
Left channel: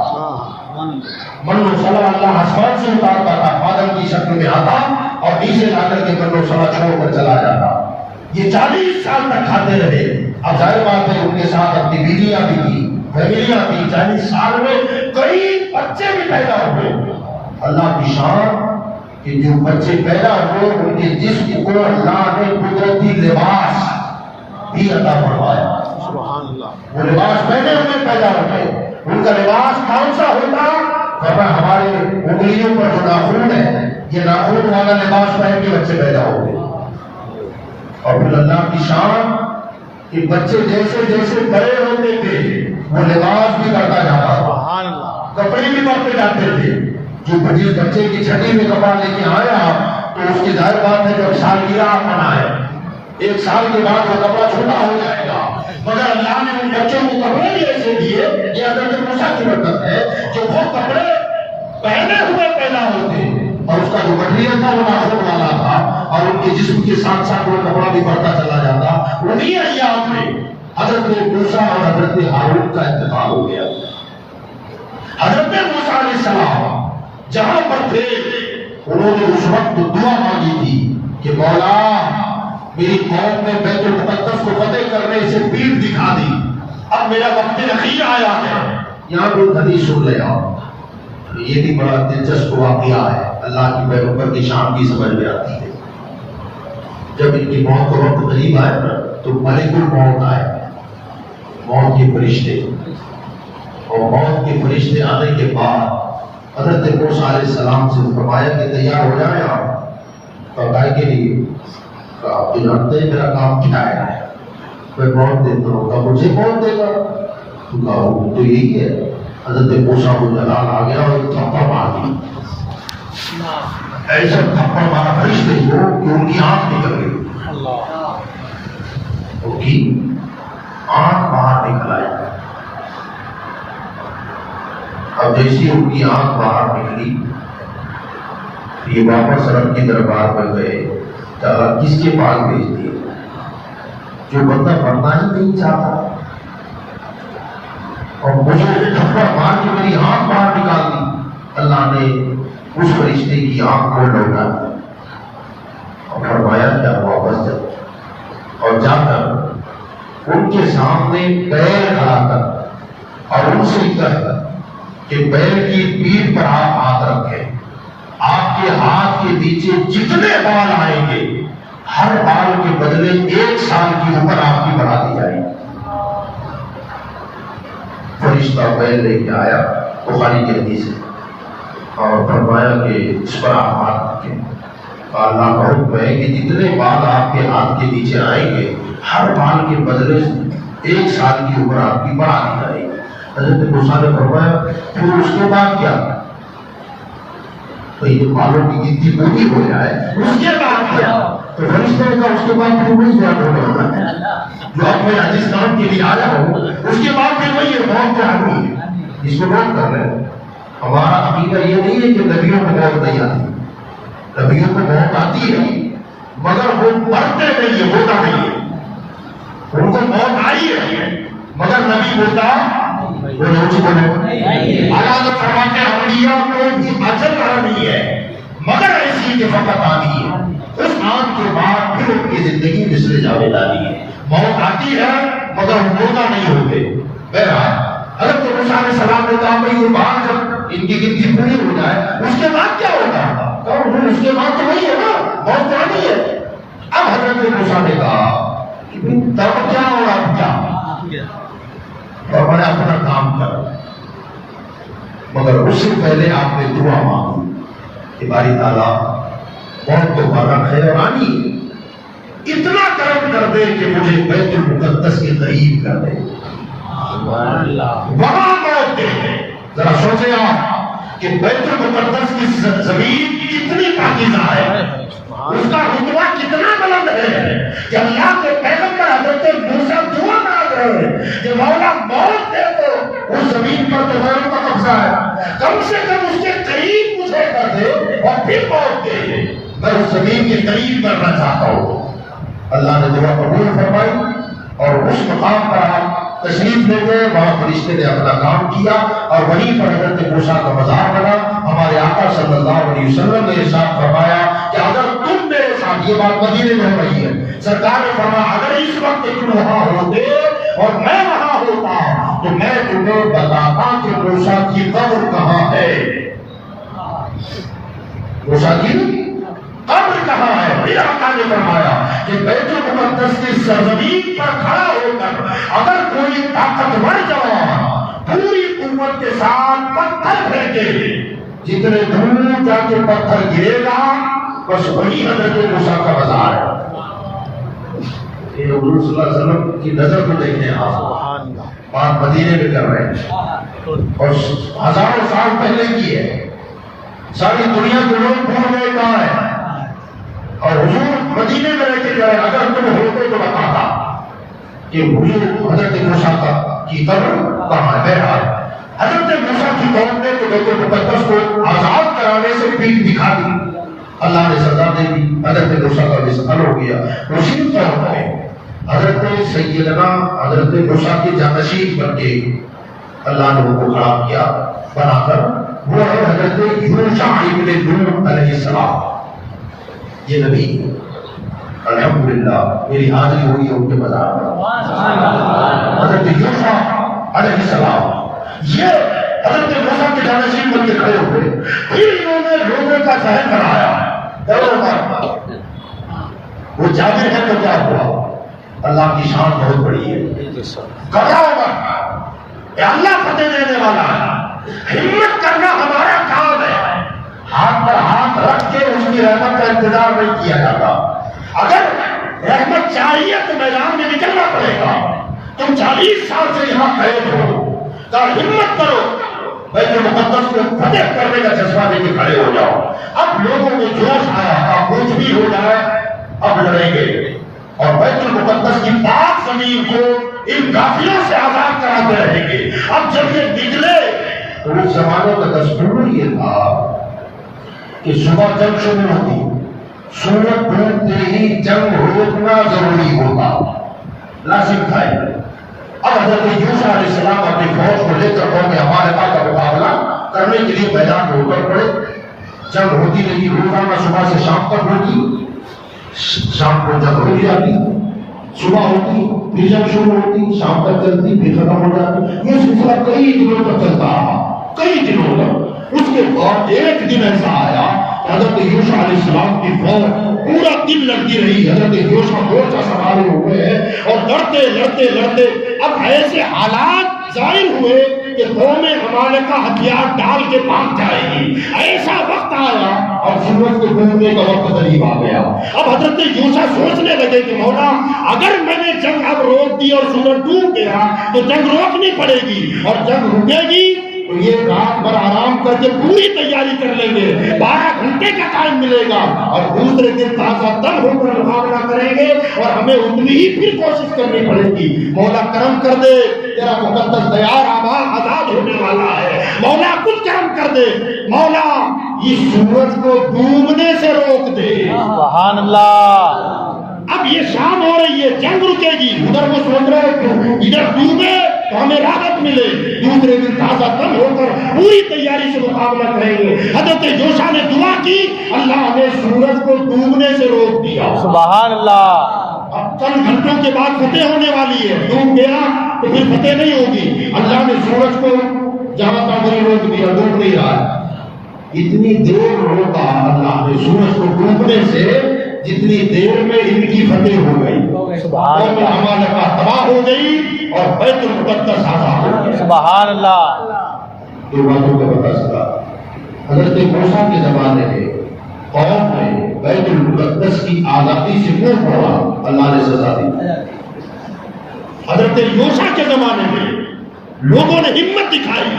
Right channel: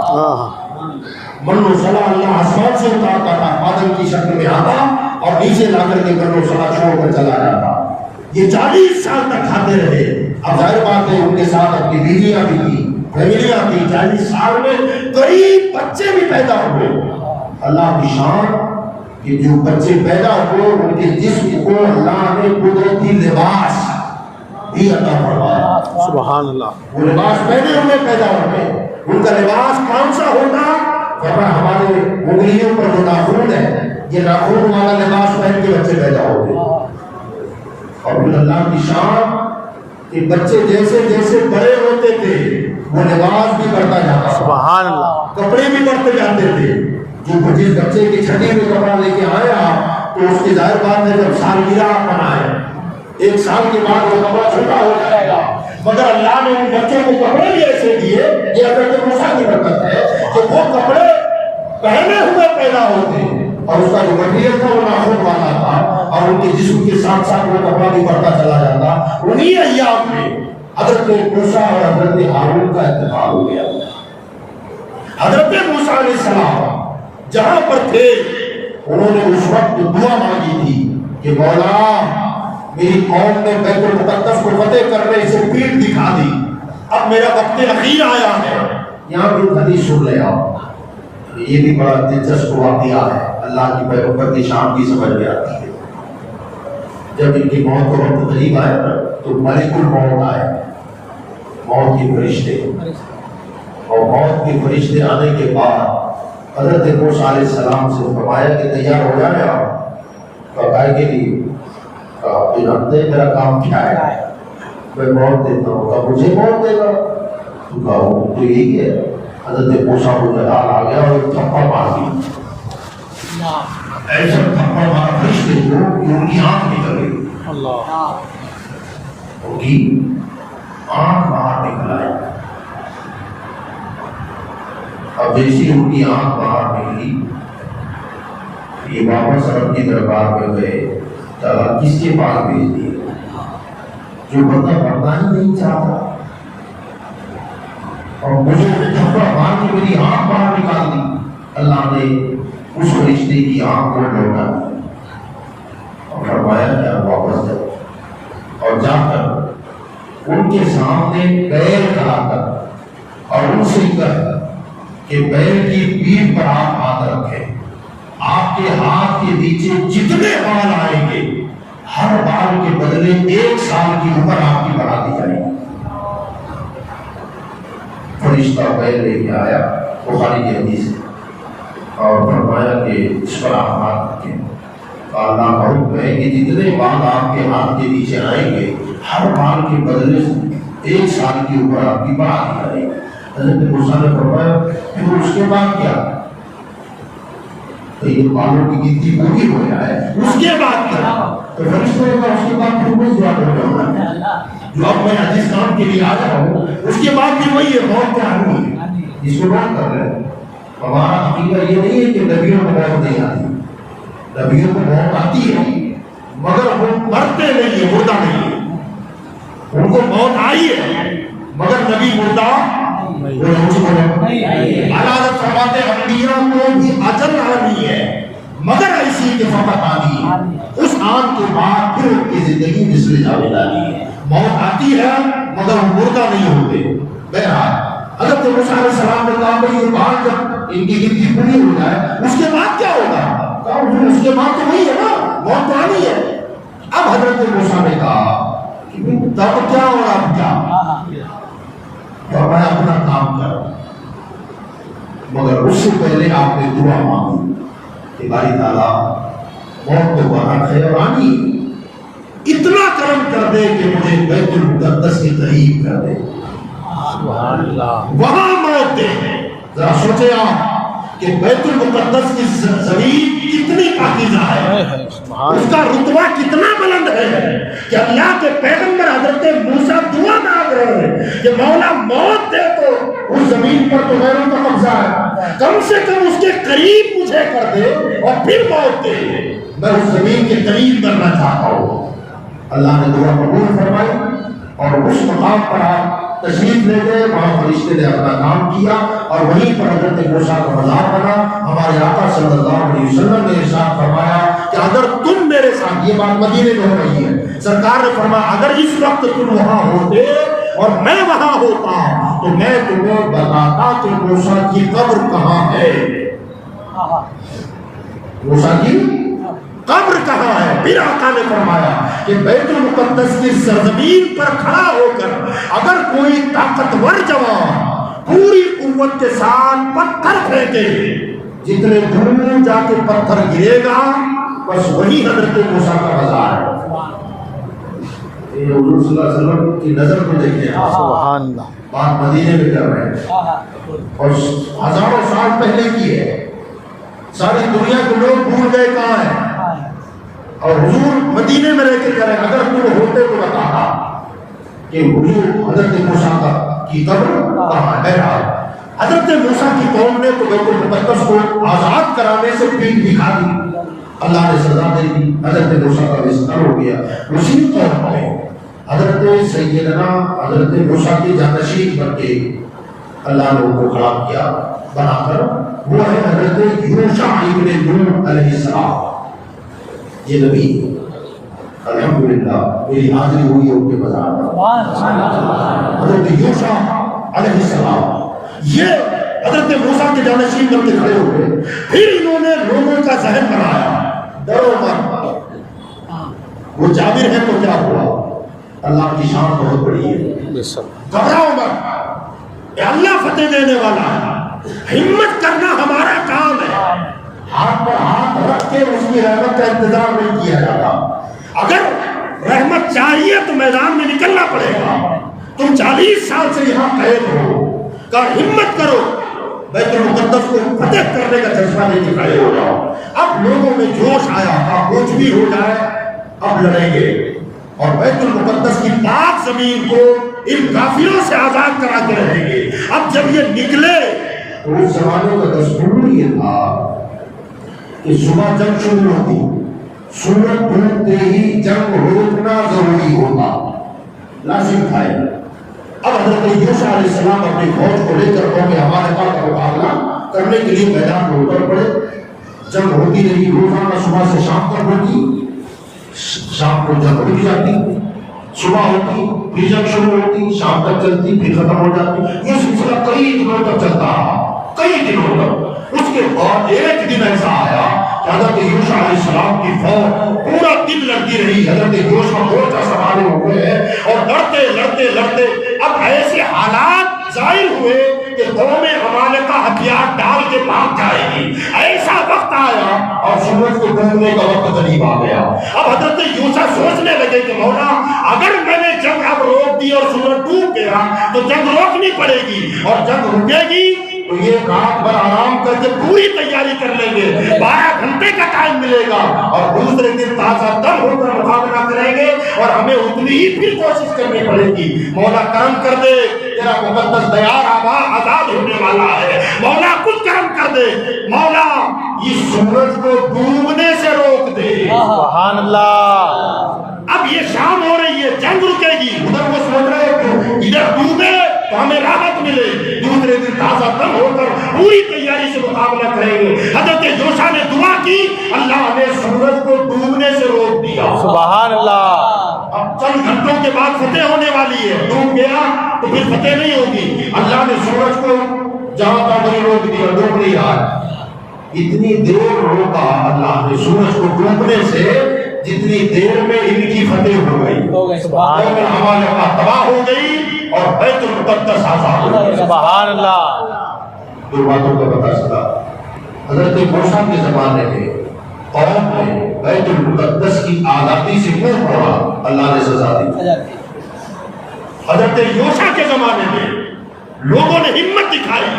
من و سلا اللہ آسمان سے اتارتا تھا، بادل کی شکل میں آتا اور نیچے لا کر کے من و سلا چھوڑ کر چلا جاتا. یہ 40 سال تک کھاتے رہے. اب ظاہر بات ہے ان کے ساتھ اپنی بیویاں بھی تھی، فیملیاں تھی. 40 سال میں کئی بچے بھی پیدا ہوئے. اللہ کی شان کہ جو بچے پیدا ہوئے ان کے جسم کو اللہ نے قدرتی لباس بھی عطا فرمایا. سبحان اللہ. وہ لباس پہنے ہوئے پیدا ہوئے. ان کا لباس کون سا ہوتا؟ فرمایا ہمارے انگلیوں پر جو ناخن ہے، یہ ناخن والا لباس پہن کے بچے پیدا ہوتے. اور پھر اللہ کی شان کہ بچے جیسے جیسے بڑے ہوتے تھے وہ لباس بھی بڑھتا جاتا. سبحان اللہ. کپڑے بھی بڑھتے جاتے تھے. جو جس بچے کی چھٹی میں کپڑا لے کے آیا تو اس کی ظاہر بات ہے جب سالگرہ منائے، 1 سال کے بعد وہ کپڑا چھوٹا ہو جائے گا. مگر اللہ نے ان بچوں کو کپڑے بھی ایسے دیے، یہ حضرت موسیٰ کی برکت ہے کہ وہ کپڑے پہنے ہوئے پیدا ہوتے اور اس کا جو مٹیریل تھا وہ ناخن والا تھا اور ان کے جسم کے ساتھ ساتھ وہ کپڑا بھی بڑھتا چلا جاتا. انہیں ایام میں حضرت موسیٰ اور حضرت ہارون کا انتقال ہو گیا. حضرت موسیٰ علیہ السلام جہاں پر تھے انہوں نے اس وقت دعا مانگی تھی کہ مولا میری قوم نے بیت المقدس کو فتح کرنے سے پیٹھ دکھا دی، اب میرا وقت اخیر آیا ہے. یہاں بھی حدیث سن لے آؤ. یہ بھی بڑا دلچسپ واقعہ ہے، اللہ کی پیغمبر کی شان کی سمجھ میں آتی ہے. جب ان کی موت کا وقت قریب آیا تو ملک الموت آئے، موت کے فرشتے. اور موت کے فرشتے آنے کے بعد حضرت موسیٰ علیہ السلام سے فرمایا کہ تیار ہو جائے آپ. اور کہا کے لیے آپ جانتے ہیں میرا کام کیا ہے، میں موت دیتا ہوں. کہا مجھے موت دے گا؟ تو کہا وہ تو یہی ہے. حضرت موسیٰ کو جلال آ گیا اور تھپڑ مار دیا. ایسا تھپڑ مارا فرشتے کو کہ ان کی آنکھ نکل گئی. اللہ. ان کی آنکھ باہر نکل آئی. اب جیسی ان کی آنکھ باہر نکلی یہ واپس رب کی دربار میں گئے. تعالیٰ کس کے پاس بھیج دیے؟ جو بندہ مرنا ہی نہیں چاہتا اور مجھے تھپڑ مار کے میری آنکھ باہر نکال دی. اللہ نے اس فرشتے کی آنکھ کو لوٹا اور فرمایا کہ آپ واپس جاؤ. اور جا کر ان کے سامنے پیر کھڑا کر اور ان سے کہا کہ پیر کی پیٹھ پر آپ ہاتھ رکھیں. آپ کے ہاتھ کے نیچے جتنے بال آئیں گے ہر بال کے بدلے 1 سال کی عمر آپ کی بڑھا دی جائے گی. فرشتہ پیر لے کے آیا بخاری کی حدیث ہے اور فرمایا کہ اس پر آپ ہاتھ رکھیں. اللہ کا حکم ہے کہ جتنے بال آپ کے ہاتھ کے نیچے آئیں گے ہر بال کے بدلے 1 سال کی عمر آپ کی بڑھا دی جائے گی. حضرت موسیٰ نے فرمایا پھر اس کے بعد کیا؟ تو یہ بالوں کی گنتی پوری ہو جائے اس کے بعد کیا؟ تو فرشتے نے کہا اس کے بعد پھر وہی جواب ہو گیا جو اب میں حدیث نام کے لیے آیا ہوں. اس کے بعد بھی وہی ہے، موت کا آدمی ہے. اس کو بات کر رہے ہیں. ہمارا عقیدہ یہ نہیں ہے کہ نبیوں کو موت نہیں آتی. نبیوں کو موت آتی ہے مگر وہ مرتے نہیں ہے، ہوتا نہیں ہے. ان کو موت آئی ہے مگر نبی ہوتا علاوہ فرماتے انبیاء کو بھی اجل آنی ہے مگر ایسی کہ فقط آنی ہے. اس آن کے بعد پھر ان کی زندگی مثل جاوید آنی ہے. موت آتی ہے مگر ہم مردہ نہیں ہوتے. بہرحال حضرت موسیٰ علیہ السلام نے کہا بھئی یہ بات جب ان کی گنتی پوری ہو جائے اس کے بعد کیا ہوگا؟ کہا اس کے بعد تو نہیں ہے نا، موت تو آنی ہے. اب حضرت موسیٰ نے کہا کہ تب کیا ہوگا؟ اب کیا؟ فرمایا اپنا کام کر، مگر اس سے پہلے آپ نے دعا مانگی کہ باری تعالیٰ موت تو برحق ہے اور آنی ہے، اتنا کرم کر دے کہ مجھے بیت المقدس کے قریب کر دے، وہاں موت دے. ذرا سوچے آپ کہ بیت المقدس کی زمین کتنی پاکیزہ ہے، اس کا رتبہ کتنا بلند ہے کہ اللہ کے پیغمبر حضرت موسیٰ دعا مانگ رہے ہیں کہ مولا موت دے تو اس زمین پر تو غیروں کا قبضہ ہے، کم سے کم اس کے قریب مجھے کر دے اور پھر موت دے، میں اس زمین کے قریب کرنا چاہتا ہوں. اللہ نے دعا قبول فرمائی اور اس مقام پر آپ تشریف لے گئے. وہاں فرشتے نے اپنا کام کیا اور وہیں پر حضرت موسیٰ کا مزار بنا. ہمارے آقا صلی اللہ علیہ وسلم نے ارشاد فرمایا کہ اگر تم میرے ساتھ، یہ بات مدینے میں ہو رہی ہے، سرکار نے فرمایا اگر اس وقت تم وہاں ہوتے اور میں وہاں ہوتا تو میں تمہیں بتاتا کہ موسیٰ کی قبر کہاں ہے. موسیٰ کی قبر کہاں ہے؟ پھر آقا نے فرمایا کہ بیت المقدس کی سرزمین پر کھڑا ہو کر اگر کوئی طاقتور جوان پوری قوت کے ساتھ پتھر پھینکے، جتنے دور جا کے پتھر گرے گا بس وہی حضرت موسیٰ کا مزار ہے. یہ حضور صلی اللہ علیہ وسلم کی نظر کو دیکھیں آپ، سبحان اللہ، بات مدینے میں کر رہے ہیں اور ہزاروں سال پہلے کی ہے. ساری دنیا کے لوگ بھول گئے کہاں ہے اور حضور مدینے میں رہ کے کہہ رہے ہیں اگر تم ہوتے تو بتاتا کہ حضور حضرت موسیٰ کی قبر کہاں ہے. بہرحال حضرت موسیٰ کی قوم نے تو بیت المقدس کو آزاد کرانے سے پیٹ دکھا دی، اللہ نے سزا دے دی، حضرت موسیٰ کا وصال ہو گیا. اسی طور پر حضرت سیدنا حضرت موسیٰ کے جانشین بن کے اللہ نے ان کو کھڑا کیا بنا کر، وہ ہے حضرت یوشع ابن نون علیہ السلام. یہ نبی الحمدللہ میری حاضری ہوئی ہے ان کے مزار میں. حضرت یوشع علیہ السلام یہ حضرت موسیٰ کے جانشین بن کے کھڑے ہوئے. پھر انہوں نے لوگوں کا ذہن بنایا، ڈرو مت، وہ جابر ہے تو کیا ہوا، اللہ کی شان بہت بڑی ہے، گھبراؤ مت، اللہ فتح دینے والا ہے، ہمت کرنا ہمارا کام ہے. ہاتھ پر ہاتھ رکھ کے اس کی رحمت کا انتظار نہیں کیا جاتا. اگر رحمت چاہیے تو میدان میں نکلنا پڑے گا. تم 40 سال سے یہاں قید ہو، کہ ہمت کرو، بیت المقدس کو فتح کرنے کا جذبہ لے کے کھڑے ہو جاؤ. اب لوگوں میں جوش آیا، اب کچھ بھی ہو جائے اب لڑیں گے اور بیت المقدس کی پاک زمین کو ان کافروں سے آزاد کراتے رہیں گے. اب جب یہ نکلے تو اس زمانے کا دستور یہ تھا کہ صبح جنگ شروع ہوتی، سورج ڈوبتے ہی جنگ روکنا ضروری ہوتا، لازم تھا. اب حضرت یوشع علیہ السلام اپنی فوج کو لے کر قوم عمالقہ کا مقابلہ کرنے کے لیے میدان میں اتر پڑے. جنگ ہوتی رہی، روزانہ صبح سے شام تک ہوتی، شام کو جنگ ہو جاتی، صبح ہوتی پھر جنگ شروع ہوتی، شام تک چلتی پھر ختم ہو جاتی. یہ سلسلہ کئی دنوں تک چلتا رہا، کئی دنوں تک. اس کے بعد ایک دن ایسا آیا کہ حضرت یوشع علیہ السلام کی فوج پورا دن لڑتی رہی. حضرت یوشع مورچہ سنبھالے ہوئے ہیں اور لڑتے لڑتے لڑتے اب ایسے حالات ظاہر ہوئے کہ قوم عمالقہ ہتھیار ڈال کے بھاگ جائے گی. ایسا وقت آیا اور سورج کو ڈوبنے کا وقت قریب آ گیا. اب حضرت یوشع سوچنے لگے کہ مولا اگر میں نے جنگ اب روک دی اور سورج ڈوب گیا تو جنگ روکنی پڑے گی، اور جنگ رکے گی تو یہ رات بھر آرام کر کے پوری تیاری کر لیں گے، 12 گھنٹے کا ٹائم ملے گا اور دوسرے دن تازہ تر ہو کر مقابلہ کریں گے اور ہمیں اتنی ہی پھر کوشش کرنی پڑے گی. مولا کرم کر دے، تیرا مقدس دیار آزاد ہونے والا ہے، مولا کچھ کرم کر دے، مولا اس سورج کو ڈوبنے سے روک دے. سبحان اللہ. اب یہ شام ہو رہی ہے، جنگ رکے گی، ادھر وہ سوچ رہے کہ ادھر ڈوبے تو ہمیں راحت ملے، دوسرے دن تازہ دم ہو کر پوری تیاری سے مقابلہ کریں گے. حضرت یوشع نے دعا کی، اللہ نے سورج کو ڈوبنے سے روک دیا. سبحان اللہ. اب چند گھنٹوں کے بعد فتح ہونے والی ہے، ڈوب گیا تو پھر فتح نہیں ہوگی۔ اللہ نے سورج کو جہاں تک وہی روک دیا، ڈوب نہیں رہا ہے۔ اتنی دیر روکا اللہ نے سورج کو ڈوبنے سے جتنی دیر میں ان کی فتح ہو گئی، سبحان اللہ، ہمارے پاس تباہ ہو گئی اور بیت المقدس آزاد ہو گیا۔ سبحان اللہ۔ دو باتوں کا پتہ چلا۔ حضرت موسیٰ کے زمانے میں قوم نے بیت المقدس کی آزادی سے کیوں پڑا؟ اللہ نے سزا دی۔ حضرت یوشع کے زمانے میں لوگوں نے ہمت دکھائی،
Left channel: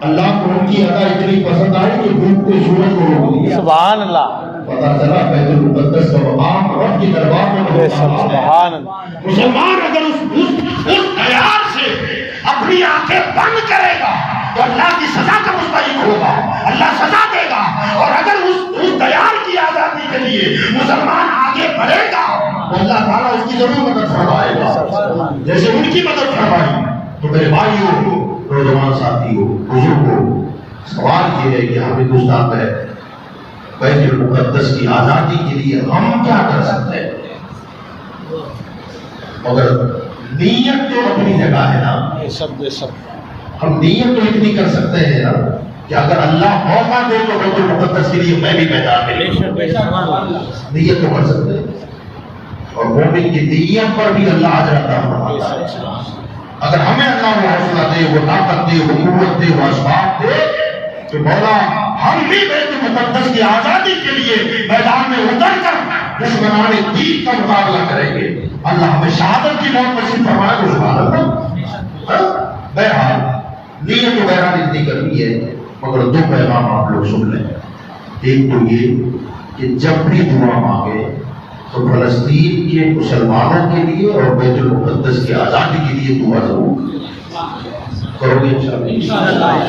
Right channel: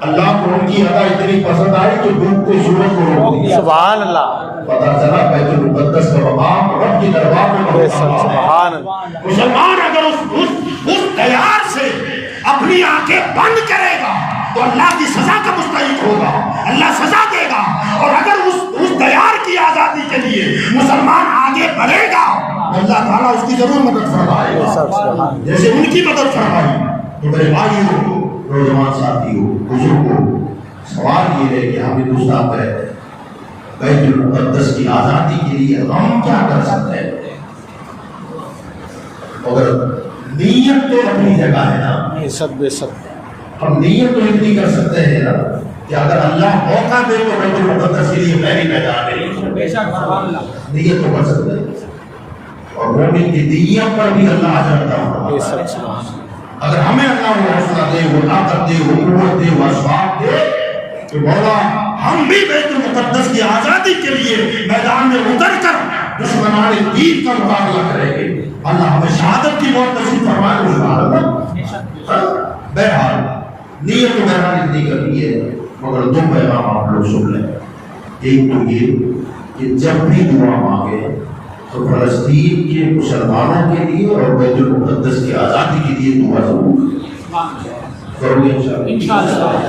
اللہ کو ان کی ادا اتنی پسند آئی کہ ڈوبتے سورج کو روک دیا۔ سبحان اللہ، پتہ چلا بیت المقدس کا مقام رب کی دربار میں بے بہت شک، مقام ہے۔ سبحان اللہ۔ مسلمان اگر اس دیار سے اپنی آنکھیں بند کرے گا تو اللہ کی سزا کا مستحق ہوگا، اللہ سزا دے گا۔ اور اگر اس دیار کی آزادی کے لیے مسلمان آگے بڑھے گا تو اللہ تعالیٰ اس کی ضرور مدد فرمائے بے گا، شک، سبحان اللہ۔ جیسے ان کی مدد فرمائی۔ تو میرے بھائیوں، نوجوان ساتھیوں، بزرگوں، سوال یہ ہے کہ ہم ہندوستان میں بیت المقدس کی آزادی کے لیے ہم کیا کر سکتے ہیں؟ اگر نیت تو اپنی جگہ ہے نا، بے شک، بے شک، ہم نیت تو اتنی کر سکتے ہیں نا کہ اگر اللہ موقع دے تو بیت المقدس کے لیے پہلی میدان ہے، نیت تو کر سکتے ہیں۔ اور مومن کی نیت پر بھی اللہ اجر عطا بے فرماتا شک، ہے۔ سبحان اللہ۔ اگر ہمیں اللہ وہ حوصلہ دے، وہ طاقت دے، وہ قوت دے، وہ اسباب دے تو مولا ہم بھی بیت المقدس کی آزادی کے لیے میدان میں اتر کر دشمنان دین کا مقابلہ کریں گے۔ اللہ ہمیں شہادت کی موت نصیب فرمائے تو سبحان اللہ۔ بہرحال نیت تو بہرحال اتنی کرنی ہے، مگر دو پیغام آپ لوگ سن لیں۔ ایک تو یہ کہ جب بھی دعا مانگے تو فلسطین کے مسلمانوں کے لیے اور بیت المقدس کی آزادی کے لیے دعا ضرور کرو گے انشاءاللہ۔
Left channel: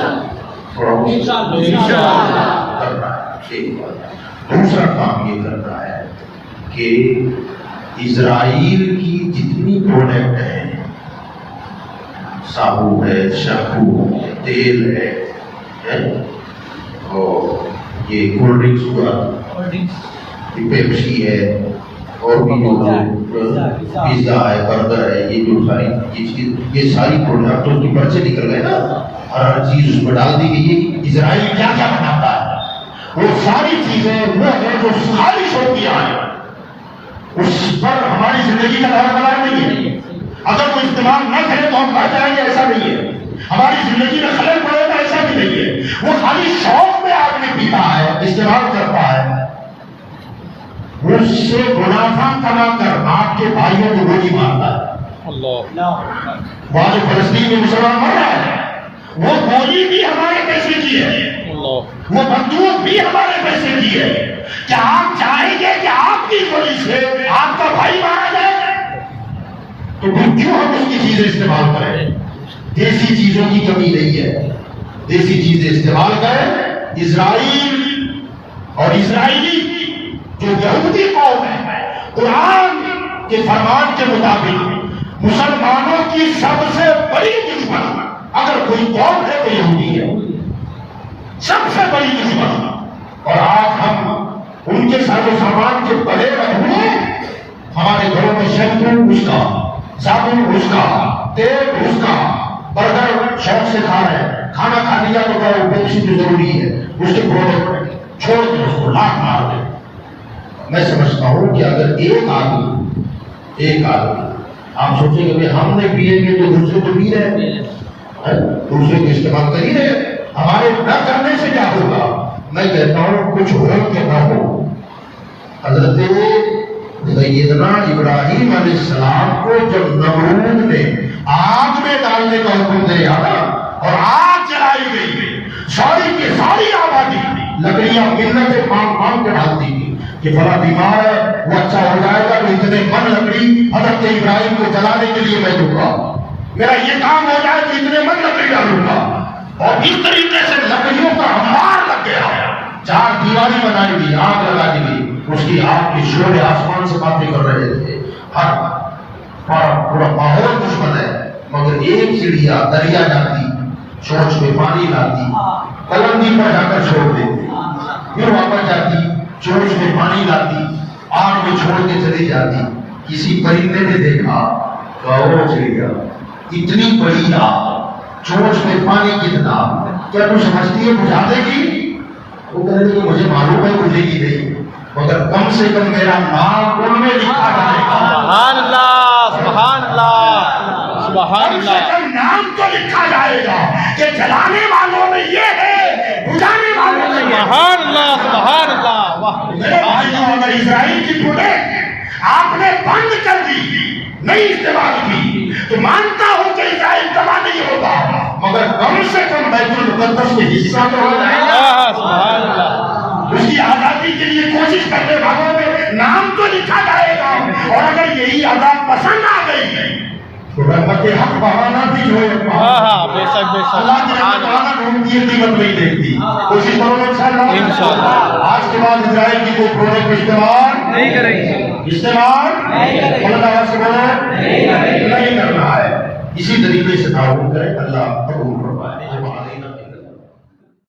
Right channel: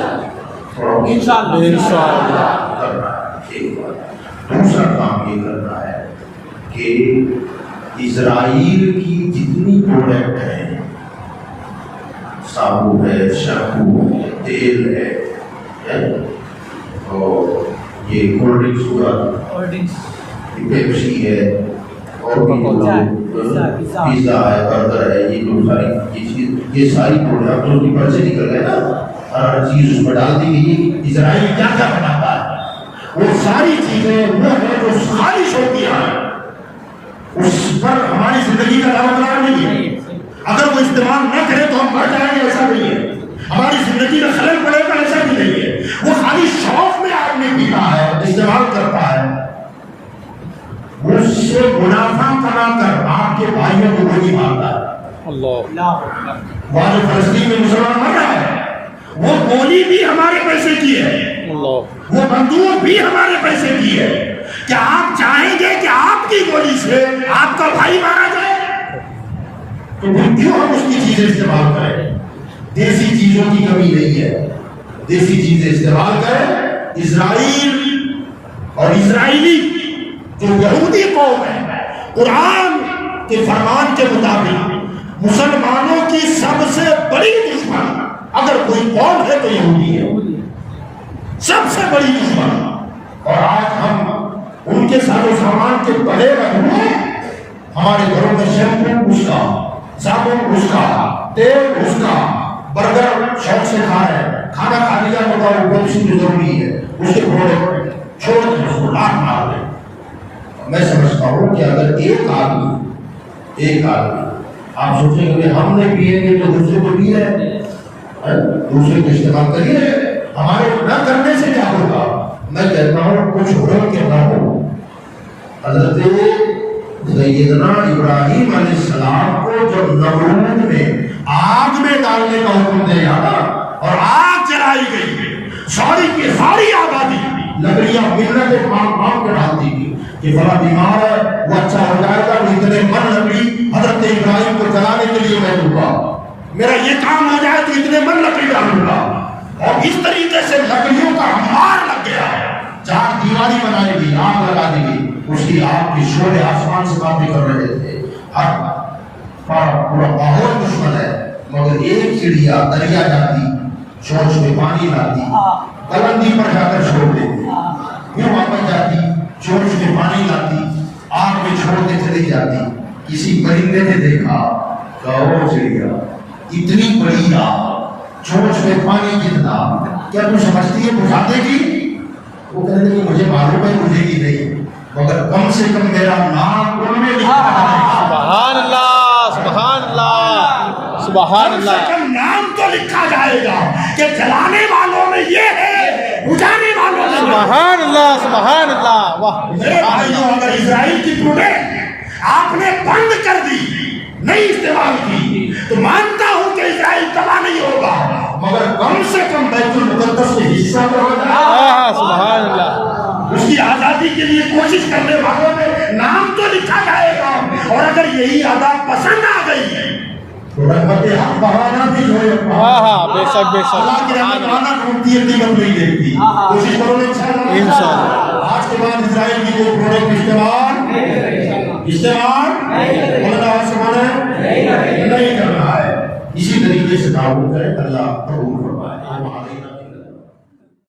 دوسرا کام یہ کرنا ہے کہ اسرائیل کی جتنی پروڈکٹ ہیں، صابن ہے، شیمپو ہے، تیل ہے، اور یہ کولڈ ڈرنکس ہوا، پیپسی ہے، اور بھی پیزا ہے، برگر ہے، یہ جو ساری یہ ساری پروڈکٹوں کی پرچے نکل گئے نا، ہر چیز اس میں ڈال دی گئی ہے۔ اسرائیل کیا کیا بناتا ہے؟ وہ ساری چیزیں وہ ہیں جو خالص ہوتی ہیں، اس پر ہماری زندگی کا دعویدار نہیں ہے۔ اگر وہ استعمال نہ کرے تو ہم مر جائیں گے، ایسا نہیں ہے۔ ہماری زندگی میں خلل پڑے گا، ایسا بھی نہیں ہے۔ وہ خالی شوق میں آدمی پیتا ہے، استعمال کرتا ہے، وہ اس سے منافع کما کر آپ کے بھائیوں کو گولی مارتا ہے۔ اللہ، وہاں جو فلسطین میں مسلمان مر رہا ہے وہ گولی بھی ہمارے پیسے کی ہے، اللہ، وہ بندوق بھی ہمارے پیسے کی ہے۔ کیا آپ چاہیں گے کہ آپ کی گولی سے آپ کا بھائی مارا جائے؟ تو پھر کیوں ہم اس کی چیزیں استعمال کریں؟ دیسی چیزوں کی کمی نہیں ہے، دیسی چیزیں استعمال کریں۔ اسرائیل اور اسرائیلی جو یہودی قوم ہے، قرآن کے فرمان کے مطابق مسلمانوں کی سب سے بڑی دشمن اگر کوئی قوم ہے تو یہودی ہے، سب سے بڑی دشمن۔ اور آج ہم ان کے سارے سامان کے بڑے رہے، ہمارے گھروں میں شیمپو اس کا، صابن اس کا، تیل اس کا، برگر شوق سے کھا رہے ہیں، کھانا کھا لیا تو وہ پیپسی تو ضروری ہے، اس کے پروڈکٹ چھوڑ کے اس کو لاکھ مار دیں۔ میں سمجھتا ہوں کہ اگر ایک آدمی آپ سوچیں گے ہم نے پیے گے تو دوسرے کو پی رہے ہیں، دوسرے کو استعمال کر ہی رہے، ہمارے نہ کرنے سے کیا ہوگا؟ میں کہتا ہوں کچھ ہو کہ نہ ہو، حضرت سیدنا ابراہیم علیہ السلام کو جب نمرود نے آگ میں ڈالنے کا حکم دیا اور آگ جلائی گئی، ساری کی ساری آبادی لکڑیاں منتیں مانگ کے ڈالتی تھی کہ فلاں بیمار ہے وہ اچھا ہو جائے گا، وہ اتنے من لکڑی حضرت ابراہیم کو جلانے کے لیے میں دوں گا، میرا یہ کام ہو جائے تو اتنے من لکڑی ڈالوں گا۔ اور اس طریقے سے لکڑیوں کا ہمار لگ گیا، چار دیواری بنائی گئی، آگ لگا دی گئی، اس کی آگ کی شعلے آسمان سے قاطع کر رہے تھے، ہر پورا ماحول دشمن ہے، مگر ایک چڑیا دریا جاتی، چونچ میں پانی لاتی، کلندی پر جا کر چھوڑ دیتی، پھر واپس جاتی، چونچ میں پانی لاتی، آگ میں چھوڑ کے چلی جاتی، کسی پرندے نے دیکھا کہ چڑیا اتنی بڑی آگ، چونچ میں پانی کتنا، کیا تو سمجھتی ہے بجھا دے گی؟ وہ کہنے لگی مجھے معلوم ہے بجھے گی نہیں، مگر کم سے کم میرا نام ان میں لکھا جائے گا۔ سبحان اللہ، سبحان اللہ، سبحان کم سے اللہ۔ کم نام تو لکھا جائے گا کہ جلانے والوں میں یہ ہے، بجھانے والوں میں یہ ہے۔ سبحان اللہ، سبحان اللہ، واہ میرے بھائیوں، اگر اسرائیل کی ٹوٹے آپ نے بند کر دی، نہیں استعمال کی، تو مانتا ہوں کہ اسرائیل تباہ نہیں ہوگا، مگر کم سے کم بیت المقدس میں حصہ تو ہو جائے گا۔ سبحان اللہ۔ اس کی آزادی کے لیے کوشش کرنے والوں میں نام تو لکھا جائے گا، اور اگر یہی عذاب پسند آ گئی تو رحمت حق بہانا بھی جو ہے بے شک بے شک۔ اللہ کی رحمت بہانا ڈھونڈتی ہے، قیمت نہیں دیکھتی۔ کوشش کرو گے انشاءاللہ۔ آج کے بعد اسرائیل کی کوئی پروڈکٹ استعمال نہیں کریں گے، اللہ سے نہیں کرنا ہے۔ اسی طریقے سے تعاون کریں، اللہ قبول کرے۔